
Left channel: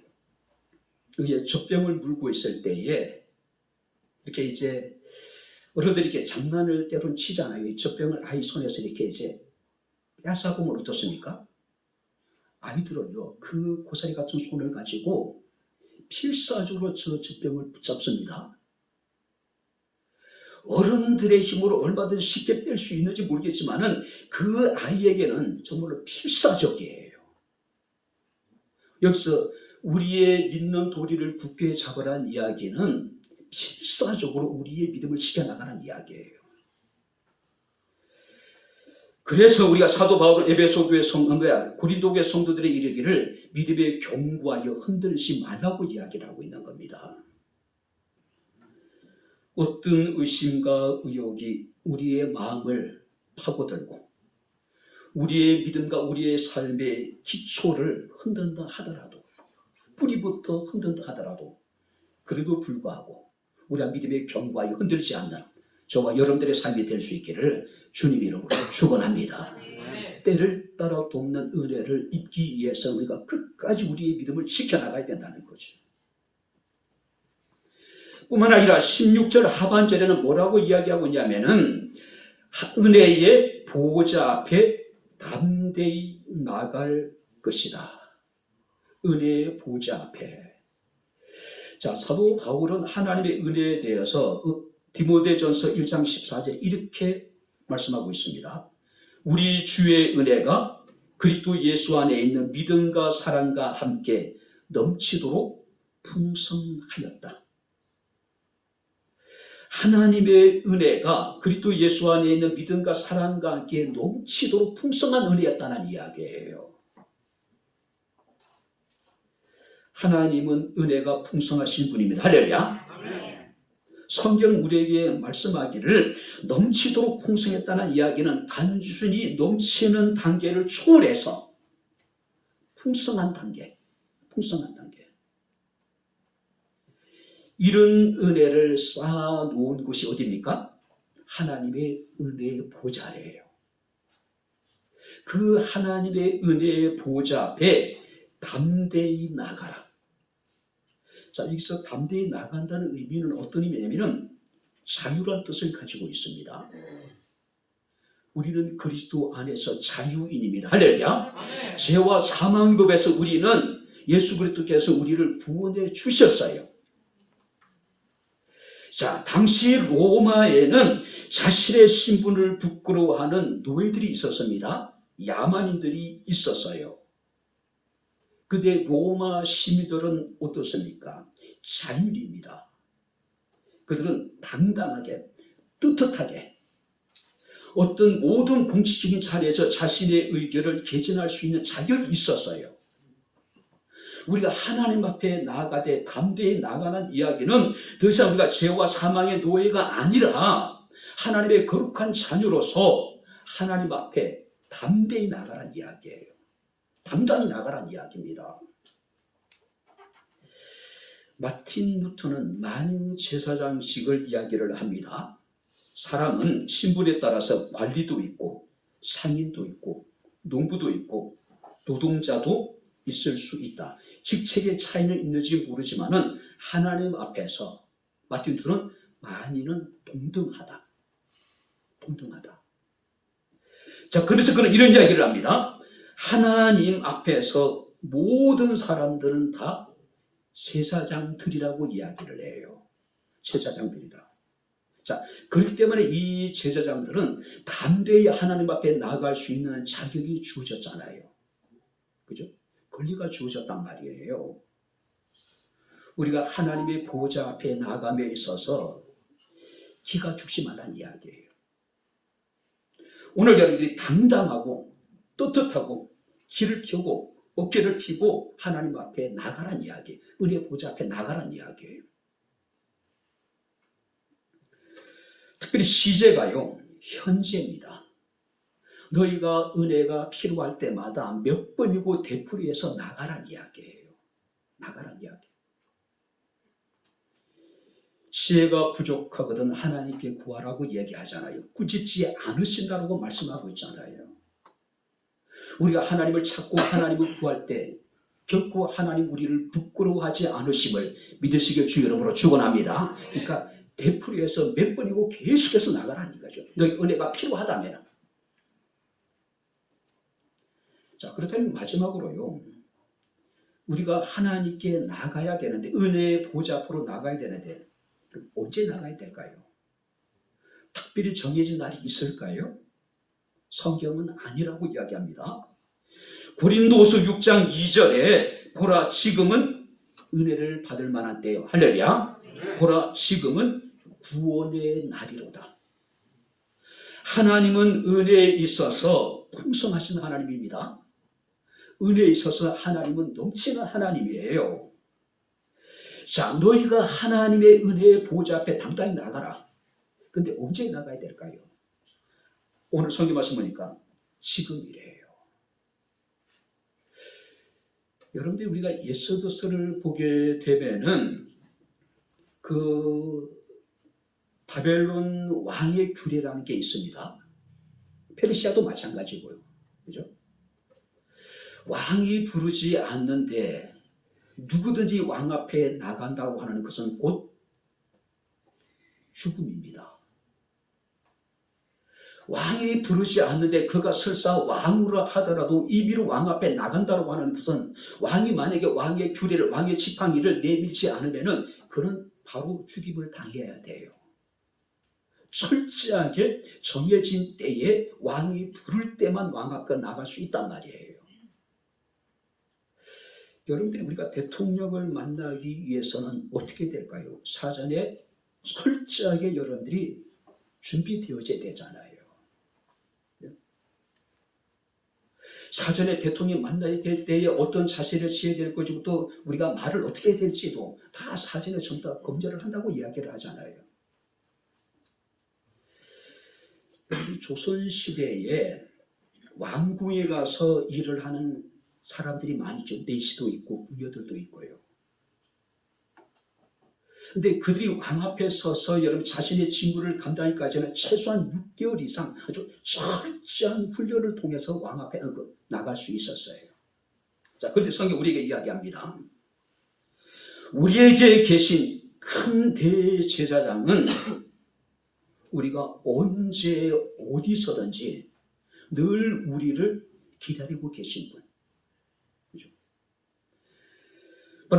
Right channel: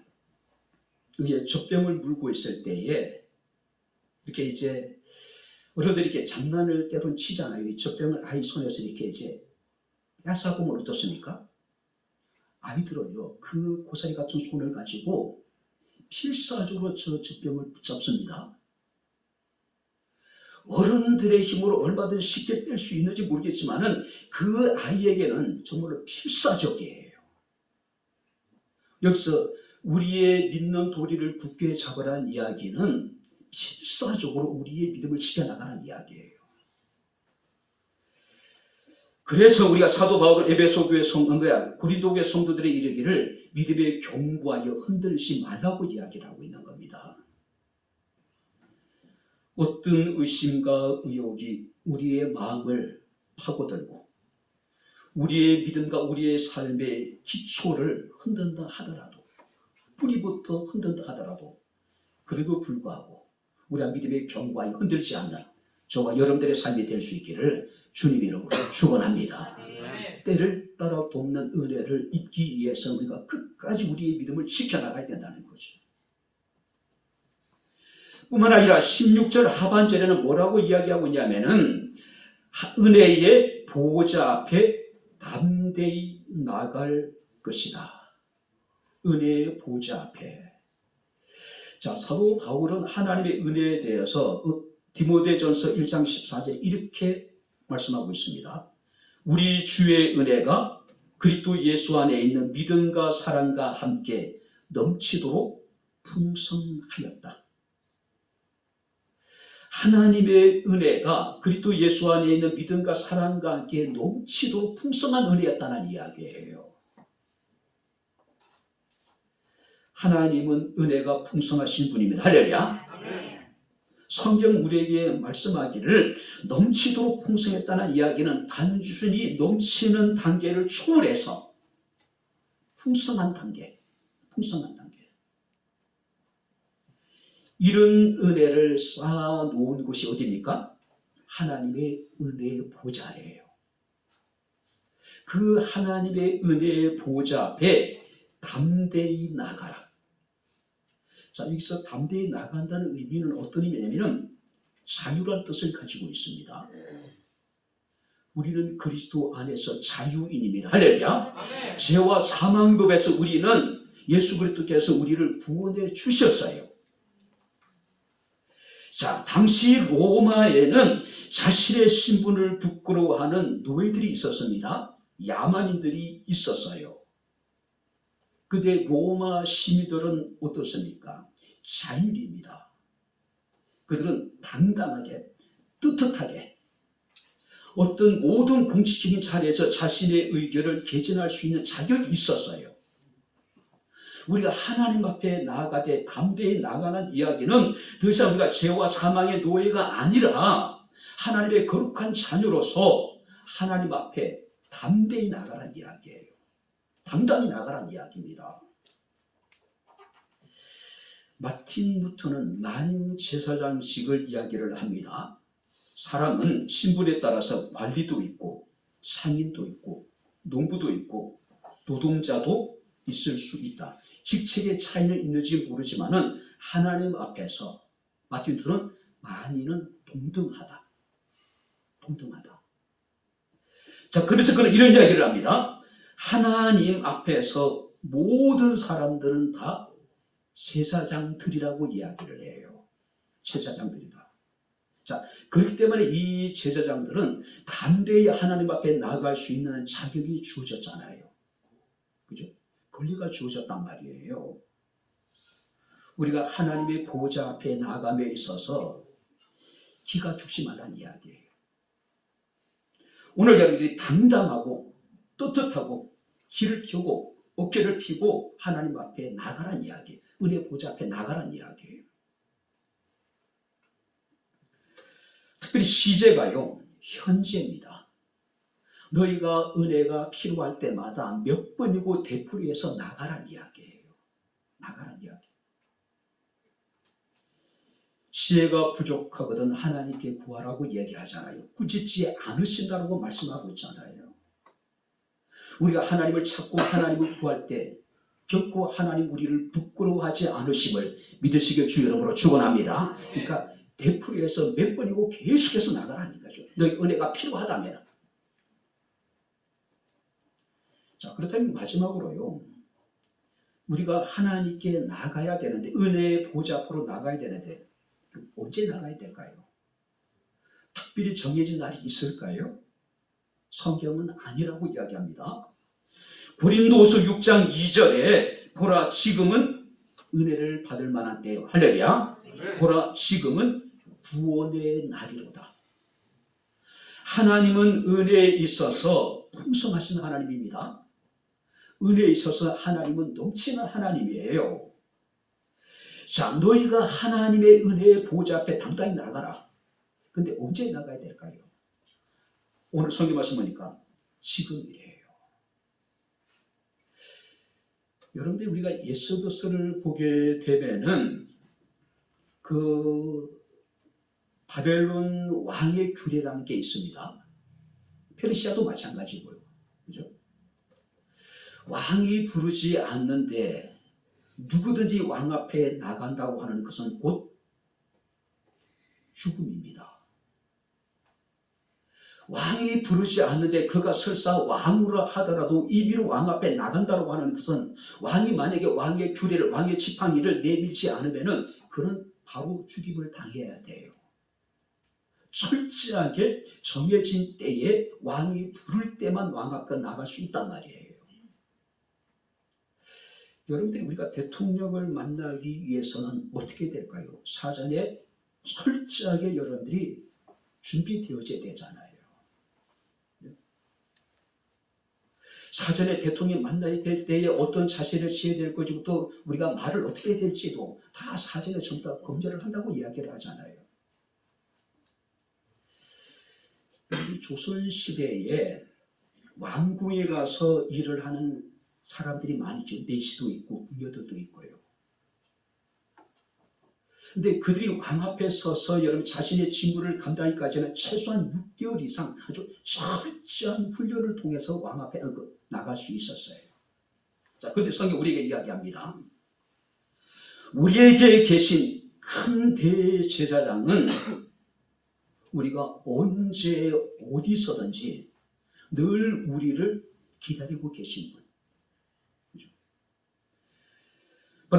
젖병을 물고 있을 때에 이렇게 이제 어른들이 이렇게 장난을 때론 치잖아요. 이 젖병을 아이 손에서 이렇게 이제 뺏어보면 어떻습니까? 아이들은요, 그 고사리 같은 손을 가지고 필사적으로 저 젖병을 붙잡습니다. 어른들의 힘으로 얼마든지 쉽게 뺄 수 있는지 모르겠지만은 그 아이에게는 정말로 필사적이에요. 여기서 우리의 믿는 도리를 굳게 잡으라는 이야기는 필사적으로 우리의 믿음을 지켜나가는 이야기예요. 그래서 우리가 사도 바울은 에베소 교회 고린도 교회 성도들의 이르기를 믿음에 견고하여 흔들리지 말라고 이야기를 하고 있는 겁니다. 어떤 의심과 의혹이 우리의 마음을 파고들고 우리의 믿음과 우리의 삶의 기초를 흔든다 하더라도, 뿌리부터 흔든다 하더라도 그래도 불구하고 우리가 믿음의 견고하여 흔들지 않는 저와 여러분들의 삶이 될 수 있기를 주님 이름으로 축원합니다. 때를 따라 돕는 은혜를 입기 위해서 우리가 끝까지 우리의 믿음을 지켜나가야 된다는 거죠. 뿐만 아니라 16절 하반절에는 뭐라고 이야기하고 있냐면은 은혜의 보호자 앞에 담대히 나갈 것이다. 은혜의 보호자 앞에. 자, 사도 바울은 하나님의 은혜에 대해서 디모데전서 1장 14절 이렇게 말씀하고 있습니다. 우리 주의 은혜가 그리스도 예수 안에 있는 믿음과 사랑과 함께 넘치도록 풍성하였다. 하나님의 은혜가 그리스도 예수 안에 있는 믿음과 사랑과 함께 넘치도록 풍성한 은혜였다는 이야기예요. 하나님은 은혜가 풍성하신 분입니다. 할렐루야. 성경 우리에게 말씀하기를 넘치도록 풍성했다는 이야기는 단순히 넘치는 단계를 초월해서 풍성한 단계. 이런 은혜를 쌓아놓은 곳이 어디입니까? 하나님의 은혜의 보좌 아래예요. 그 하나님의 은혜의 보좌 앞에 담대히 나가라. 자, 여기서 담대히 나간다는 의미는 어떤 의미냐면 자유란 뜻을 가지고 있습니다. 우리는 그리스도 안에서 자유인입니다. 할렐루야. 죄와 사망의 법에서 우리는 예수 그리스도께서 우리를 구원해 주셨어요. 자, 당시 로마에는 자신의 신분을 부끄러워하는 노예들이 있었습니다. 야만인들이 있었어요. 근데 로마 시민들은 어떻습니까? 자유인입니다. 그들은 당당하게, 떳떳하게 어떤 모든 공식적인 자리에서 자신의 의견을 개진할 수 있는 자격이 있었어요. 우리가 하나님 앞에 나아가되 담대히 나가는 이야기는 더 이상 우리가 죄와 사망의 노예가 아니라 하나님의 거룩한 자녀로서 하나님 앞에 담대히 나가라는 이야기예요. 당당히 나가라는 이야기입니다. 마틴 루터는 만인제사장식을 이야기를 합니다. 사람은 신분에 따라서 관리도 있고 상인도 있고 농부도 있고 노동자도 있을 수 있다. 직책의 차이는 있는지 모르지만은 하나님 앞에서 마틴 루터는 만인은 동등하다. 동등하다. 자, 그래서 그는 이런 이야기를 합니다. 하나님 앞에서 모든 사람들은 다 제사장들이라고 이야기를 해요. 제사장들이다. 자, 그렇기 때문에 이 제사장들은 담대히 하나님 앞에 나아갈 수 있는 자격이 주어졌잖아요. 그죠? 권리가 주어졌단 말이에요. 우리가 하나님의 보좌 앞에 나아감에 있어서 기가 죽심하다는 이야기예요. 오늘 우리 당당하고 떳떳하고 길을 켜고 어깨를 펴고 하나님 앞에 나가란 이야기, 은혜 보좌 앞에 나가란 이야기예요. 특별히 시제가요, 현재입니다. 너희가 은혜가 필요할 때마다 몇 번이고 되풀이해서 나가란 이야기예요. 나가란 이야기. 지혜가 부족하거든 하나님께 구하라고 얘기하잖아요. 꾸짖지 않으신다고 말씀하고 있잖아요. 우리가 하나님을 찾고 하나님을 구할 때 결코 하나님 우리를 부끄러워하지 않으심을 믿으시길 주 이름으로 축원합니다. 그러니까 되풀이해서 몇 번이고 계속해서 나가라는 거죠. 너희 은혜가 필요하다면. 자, 그렇다면 마지막으로요, 우리가 하나님께 나가야 되는데, 은혜의 보좌 앞으로 나가야 되는데 언제 나가야 될까요? 특별히 정해진 날이 있을까요? 성경은 아니라고 이야기합니다. 고린도후서 6장 2절에 보라 지금은 은혜를 받을 만한 때요. 할렐루야. 보라 지금은 구원의 날이로다. 하나님은 은혜에 있어서 풍성하신 하나님입니다. 은혜에 있어서 하나님은 넘치는 하나님이에요. 자, 너희가 하나님의 은혜의 보좌 앞에 당당히 나가라. 근데 언제 나가야 될까요? 오늘 성경 말씀 보니까 지금이래요. 여러분들 우리가 에스더서를 보게 되면은 그 바벨론 왕의 규례라는 게 있습니다. 페르시아도 마찬가지고요. 그죠? 왕이 부르지 않는데 누구든지 왕 앞에 나간다고 하는 것은 곧 죽음입니다. 왕이 부르지 않는데 그가 설사 왕으로 하더라도 임의로 왕 앞에 나간다고 하는 것은 왕이 만약에 왕의 규례를, 왕의 지팡이를 내밀지 않으면은 그는 바로 죽임을 당해야 돼요. 철저하게 정해진 때에 왕이 부를 때만 왕 앞에 나갈 수 있단 말이에요. 여러분들이 우리가 대통령을 만나기 위해서는 어떻게 될까요? 사전에 철저하게 여러분들이 준비되어져야 되잖아요. 사전에 대통령 만나야 될 때에 어떤 자세를 취해야 될 것이고 또 우리가 말을 어떻게 해야 될지도 다 사전에 전부 다 검열을 한다고 이야기를 하잖아요. 조선시대에 왕궁에 가서 일을 하는 사람들이 많이 있죠. 내시도 있고 궁녀들도 있고요. 근데 그들이 왕 앞에 서서 여러분 자신의 직무를 감당하기까지는 최소한 6개월 이상 아주 철저한 훈련을 통해서 왕 앞에 나갈 수 있었어요. 자, 그런데 성경 우리에게 이야기합니다. 우리에게 계신 큰 대제사장은 우리가 언제 어디서든지 늘 우리를 기다리고 계신 분.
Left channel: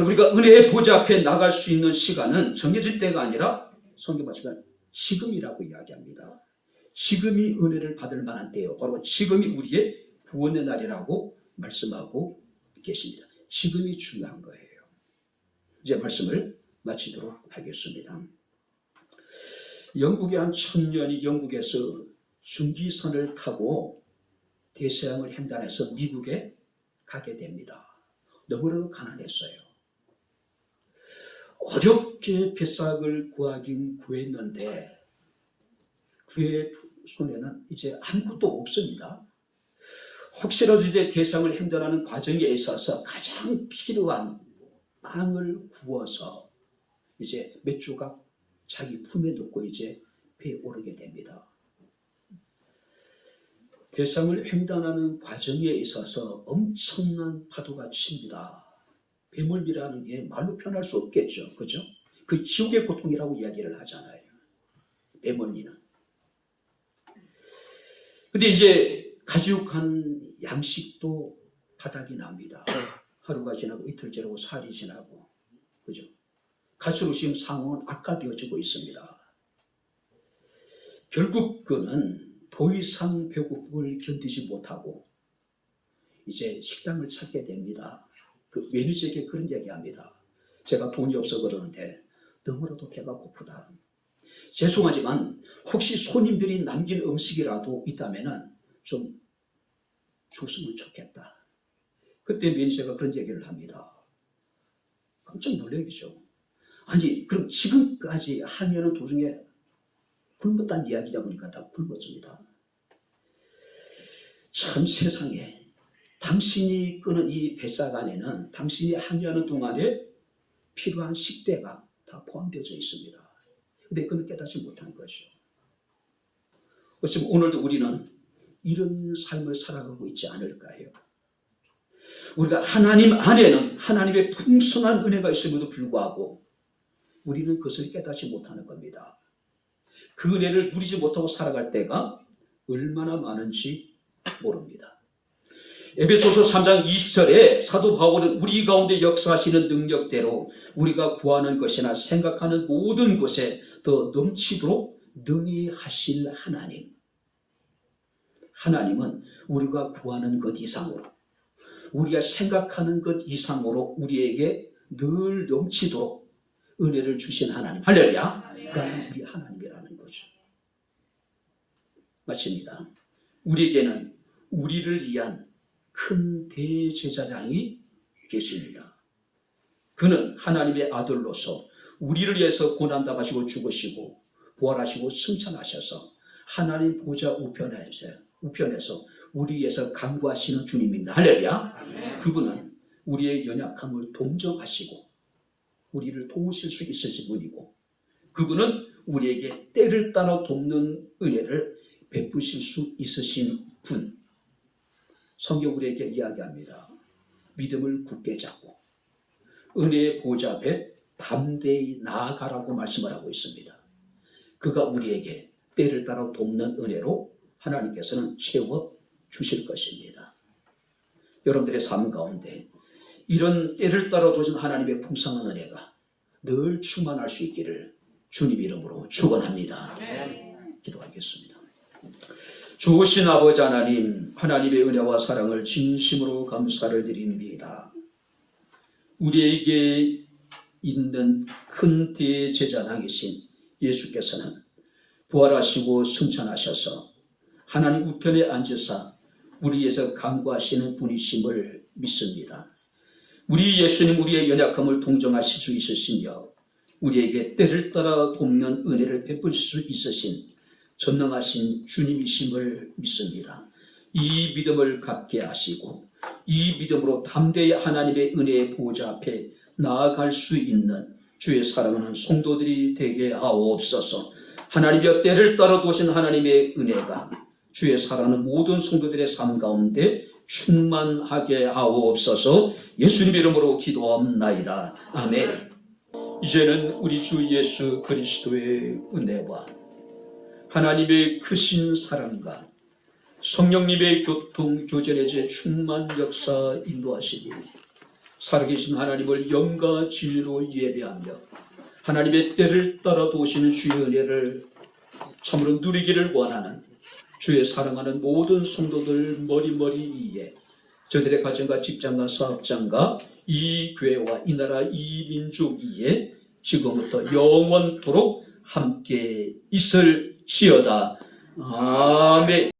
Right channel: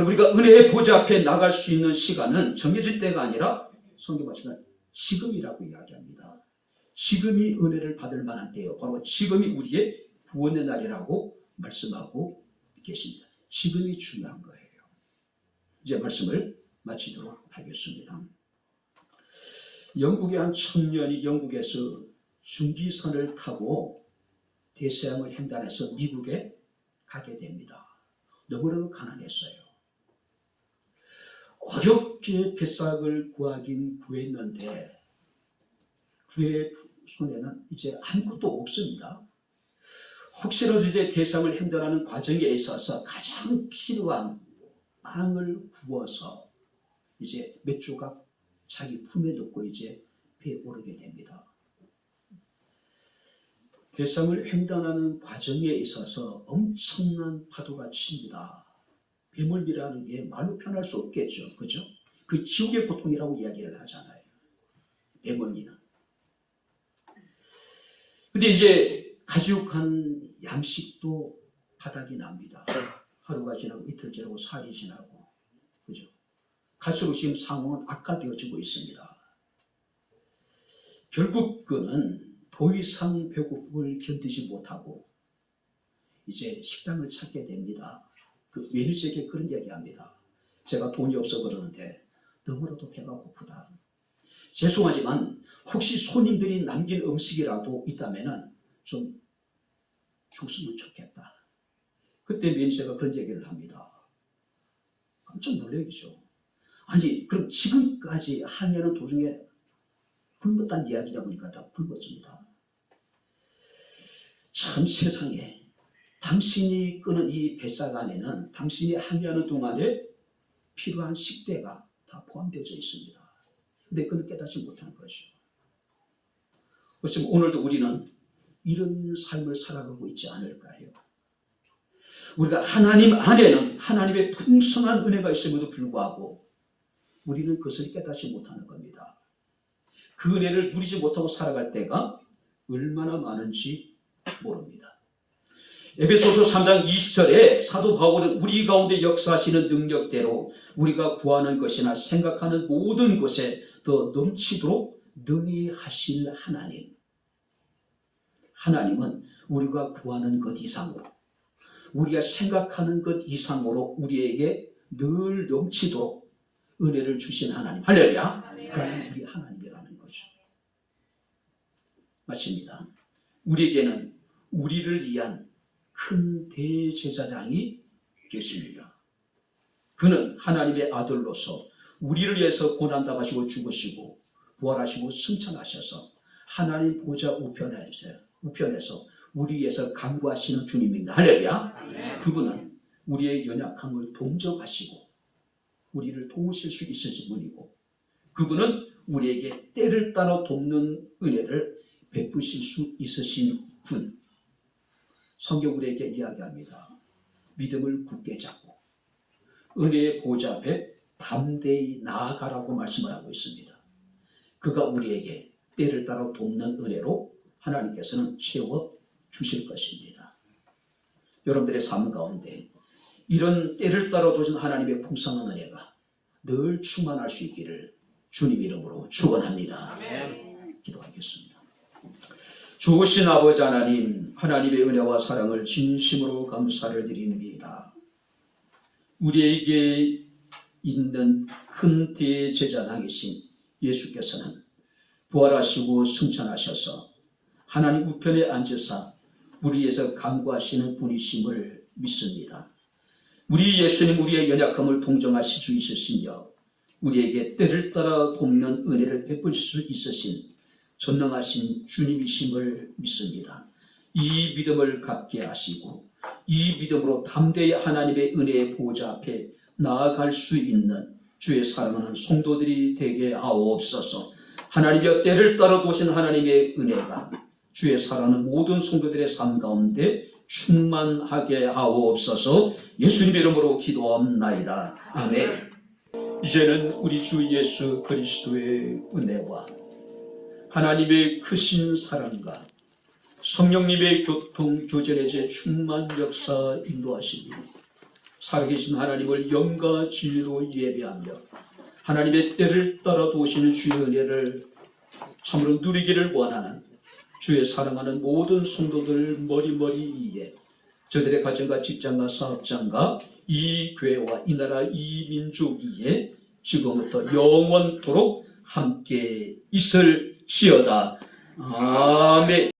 우리가 은혜의 보좌 앞에 나갈 수 있는 시간은 정해질 때가 아니라 성경 말씀은 지금이라고 이야기합니다. 지금이 은혜를 받을 만한 때요. 바로 지금이 우리의 구원의 날이라고 말씀하고 계십니다. 지금이 중요한 거예요. 이제 말씀을 마치도록 하겠습니다. 영국의 한 청년이 영국에서 중기선을 타고 대서양을 횡단해서 미국에 가게 됩니다. 너무나도 가난했어요. 어렵게 배삭을 구하긴 구했는데 그의 손에는 이제 아무것도 없습니다. 혹시라도 이제 대상을 행전하는 과정에 있어서 가장 필요한 빵을 구워서 이제 몇 조각 자기 품에 넣고 이제 배에 오르게 됩니다. 대상을 횡단하는 과정에 있어서 엄청난 파도가 칩니다. 배멀미라는 게 말로 표현할 수 없겠죠. 그죠? 그 지옥의 고통이라고 이야기를 하잖아요. 배멀미는. 근데 이제 가지고간 양식도 바닥이 납니다. 하루가 지나고 이틀 지나고 사흘이 지나고. 그죠? 갈수록 지금 상황은 악화되어지고 있습니다. 결국 그는 더 이상 배고픔을 견디지 못하고 이제 식당을 찾게 됩니다. 그 매니저에게 그런 얘기합니다. 제가 돈이 없어 그러는데 너무나도 배가 고프다. 죄송하지만 혹시 손님들이 남긴 음식이라도 있다면 좀 줬으면 좋겠다. 그때 매니저가 그런 얘기를 합니다. 깜짝 놀라겠죠. 아니 그럼 지금까지 하면은 도중에 굶었다는 이야기다 보니까 다 굶었습니다. 참 세상에 당신이 끄는 이 뱃삭 안에는 당신이 항해하는 동안에 필요한 식대가 다 포함되어져 있습니다. 근데 그는 깨닫지 못한 거죠. 어쩌면 오늘도 우리는 이런 삶을 살아가고 있지 않을까요? 우리가 하나님 안에는 하나님의 풍성한 은혜가 있음에도 불구하고 우리는 그것을 깨닫지 못하는 겁니다. 그 은혜를 누리지 못하고 살아갈 때가 얼마나 많은지 모릅니다. 에베소서 3장 20절에 사도 바울은 우리 가운데 역사하시는 능력대로 우리가 구하는 것이나 생각하는 모든 것에 더 넘치도록 능히 하실 하나님. 하나님은 우리가 구하는 것 이상으로 우리가 생각하는 것 이상으로 우리에게 늘 넘치도록 은혜를 주신 하나님. 할렐루야. 그러니까 우리 하나님이라는 거죠. 마칩니다. 우리에게는 우리를 위한 큰 대제사장이 계십니다. 그는 하나님의 아들로서 우리를 위해서 고난당하시고 죽으시고 부활하시고 승천하셔서 하나님 보좌 우편에서 우리 위해서 간구하시는 주님입니다. 할렐루야. 그분은 우리의 연약함을 동정하시고 우리를 도우실 수 있으신 분이고 그분은 우리에게 때를 따라 돕는 은혜를 베푸실 수 있으신 분. 성경 우리에게 이야기합니다. 믿음을 굳게 잡고 은혜의 보좌 앞에 담대히 나아가라고 말씀을 하고 있습니다. 그가 우리에게 때를 따라 돕는 은혜로 하나님께서는 채워주실 것입니다. 여러분들의 삶 가운데 이런 때를 따라 도신 하나님의 풍성한 은혜가 늘 충만할 수 있기를 주님 이름으로 축원합니다. 기도하겠습니다. 좋으신 아버지 하나님, 하나님의 은혜와 사랑을 진심으로 감사를 드립니다. 우리에게 있는 큰 대제사장이신 예수께서는 부활하시고 승천하셔서 하나님 우편에 앉으사 우리에서 간구하시는 분이심을 믿습니다. 우리 예수님 우리의 연약함을 동정하실 수 있으시며 우리에게 때를 따라 돕는 은혜를 베푸실 수 있으신 전능하신 주님이심을 믿습니다. 이 믿음을 갖게 하시고 이 믿음으로 담대히 하나님의 은혜의 보좌 앞에 나아갈 수 있는 주의 사랑하는 성도들이 되게 하옵소서. 하나님의 때를 따라 도신 하나님의 은혜가 주의 사랑하는 모든 성도들의 삶 가운데 충만하게 하옵소서. 예수님의 이름으로 기도합나이다. 아멘. 이제는 우리 주 예수 그리스도의 은혜와 하나님의 크신 사랑과 성령님의 교통 교제의 충만 역사 인도하시니 살아계신 하나님을 영과 진리로 예배하며 하나님의 때를 따라 도시는 주의 은혜를 참으로 누리기를 원하는 주의 사랑하는 모든 성도들 머리머리 위에 저들의 가정과 직장과 사업장과 이 교회와 이 나라 이 민족 위에 지금부터 영원토록 함께 있을지어다. 아멘.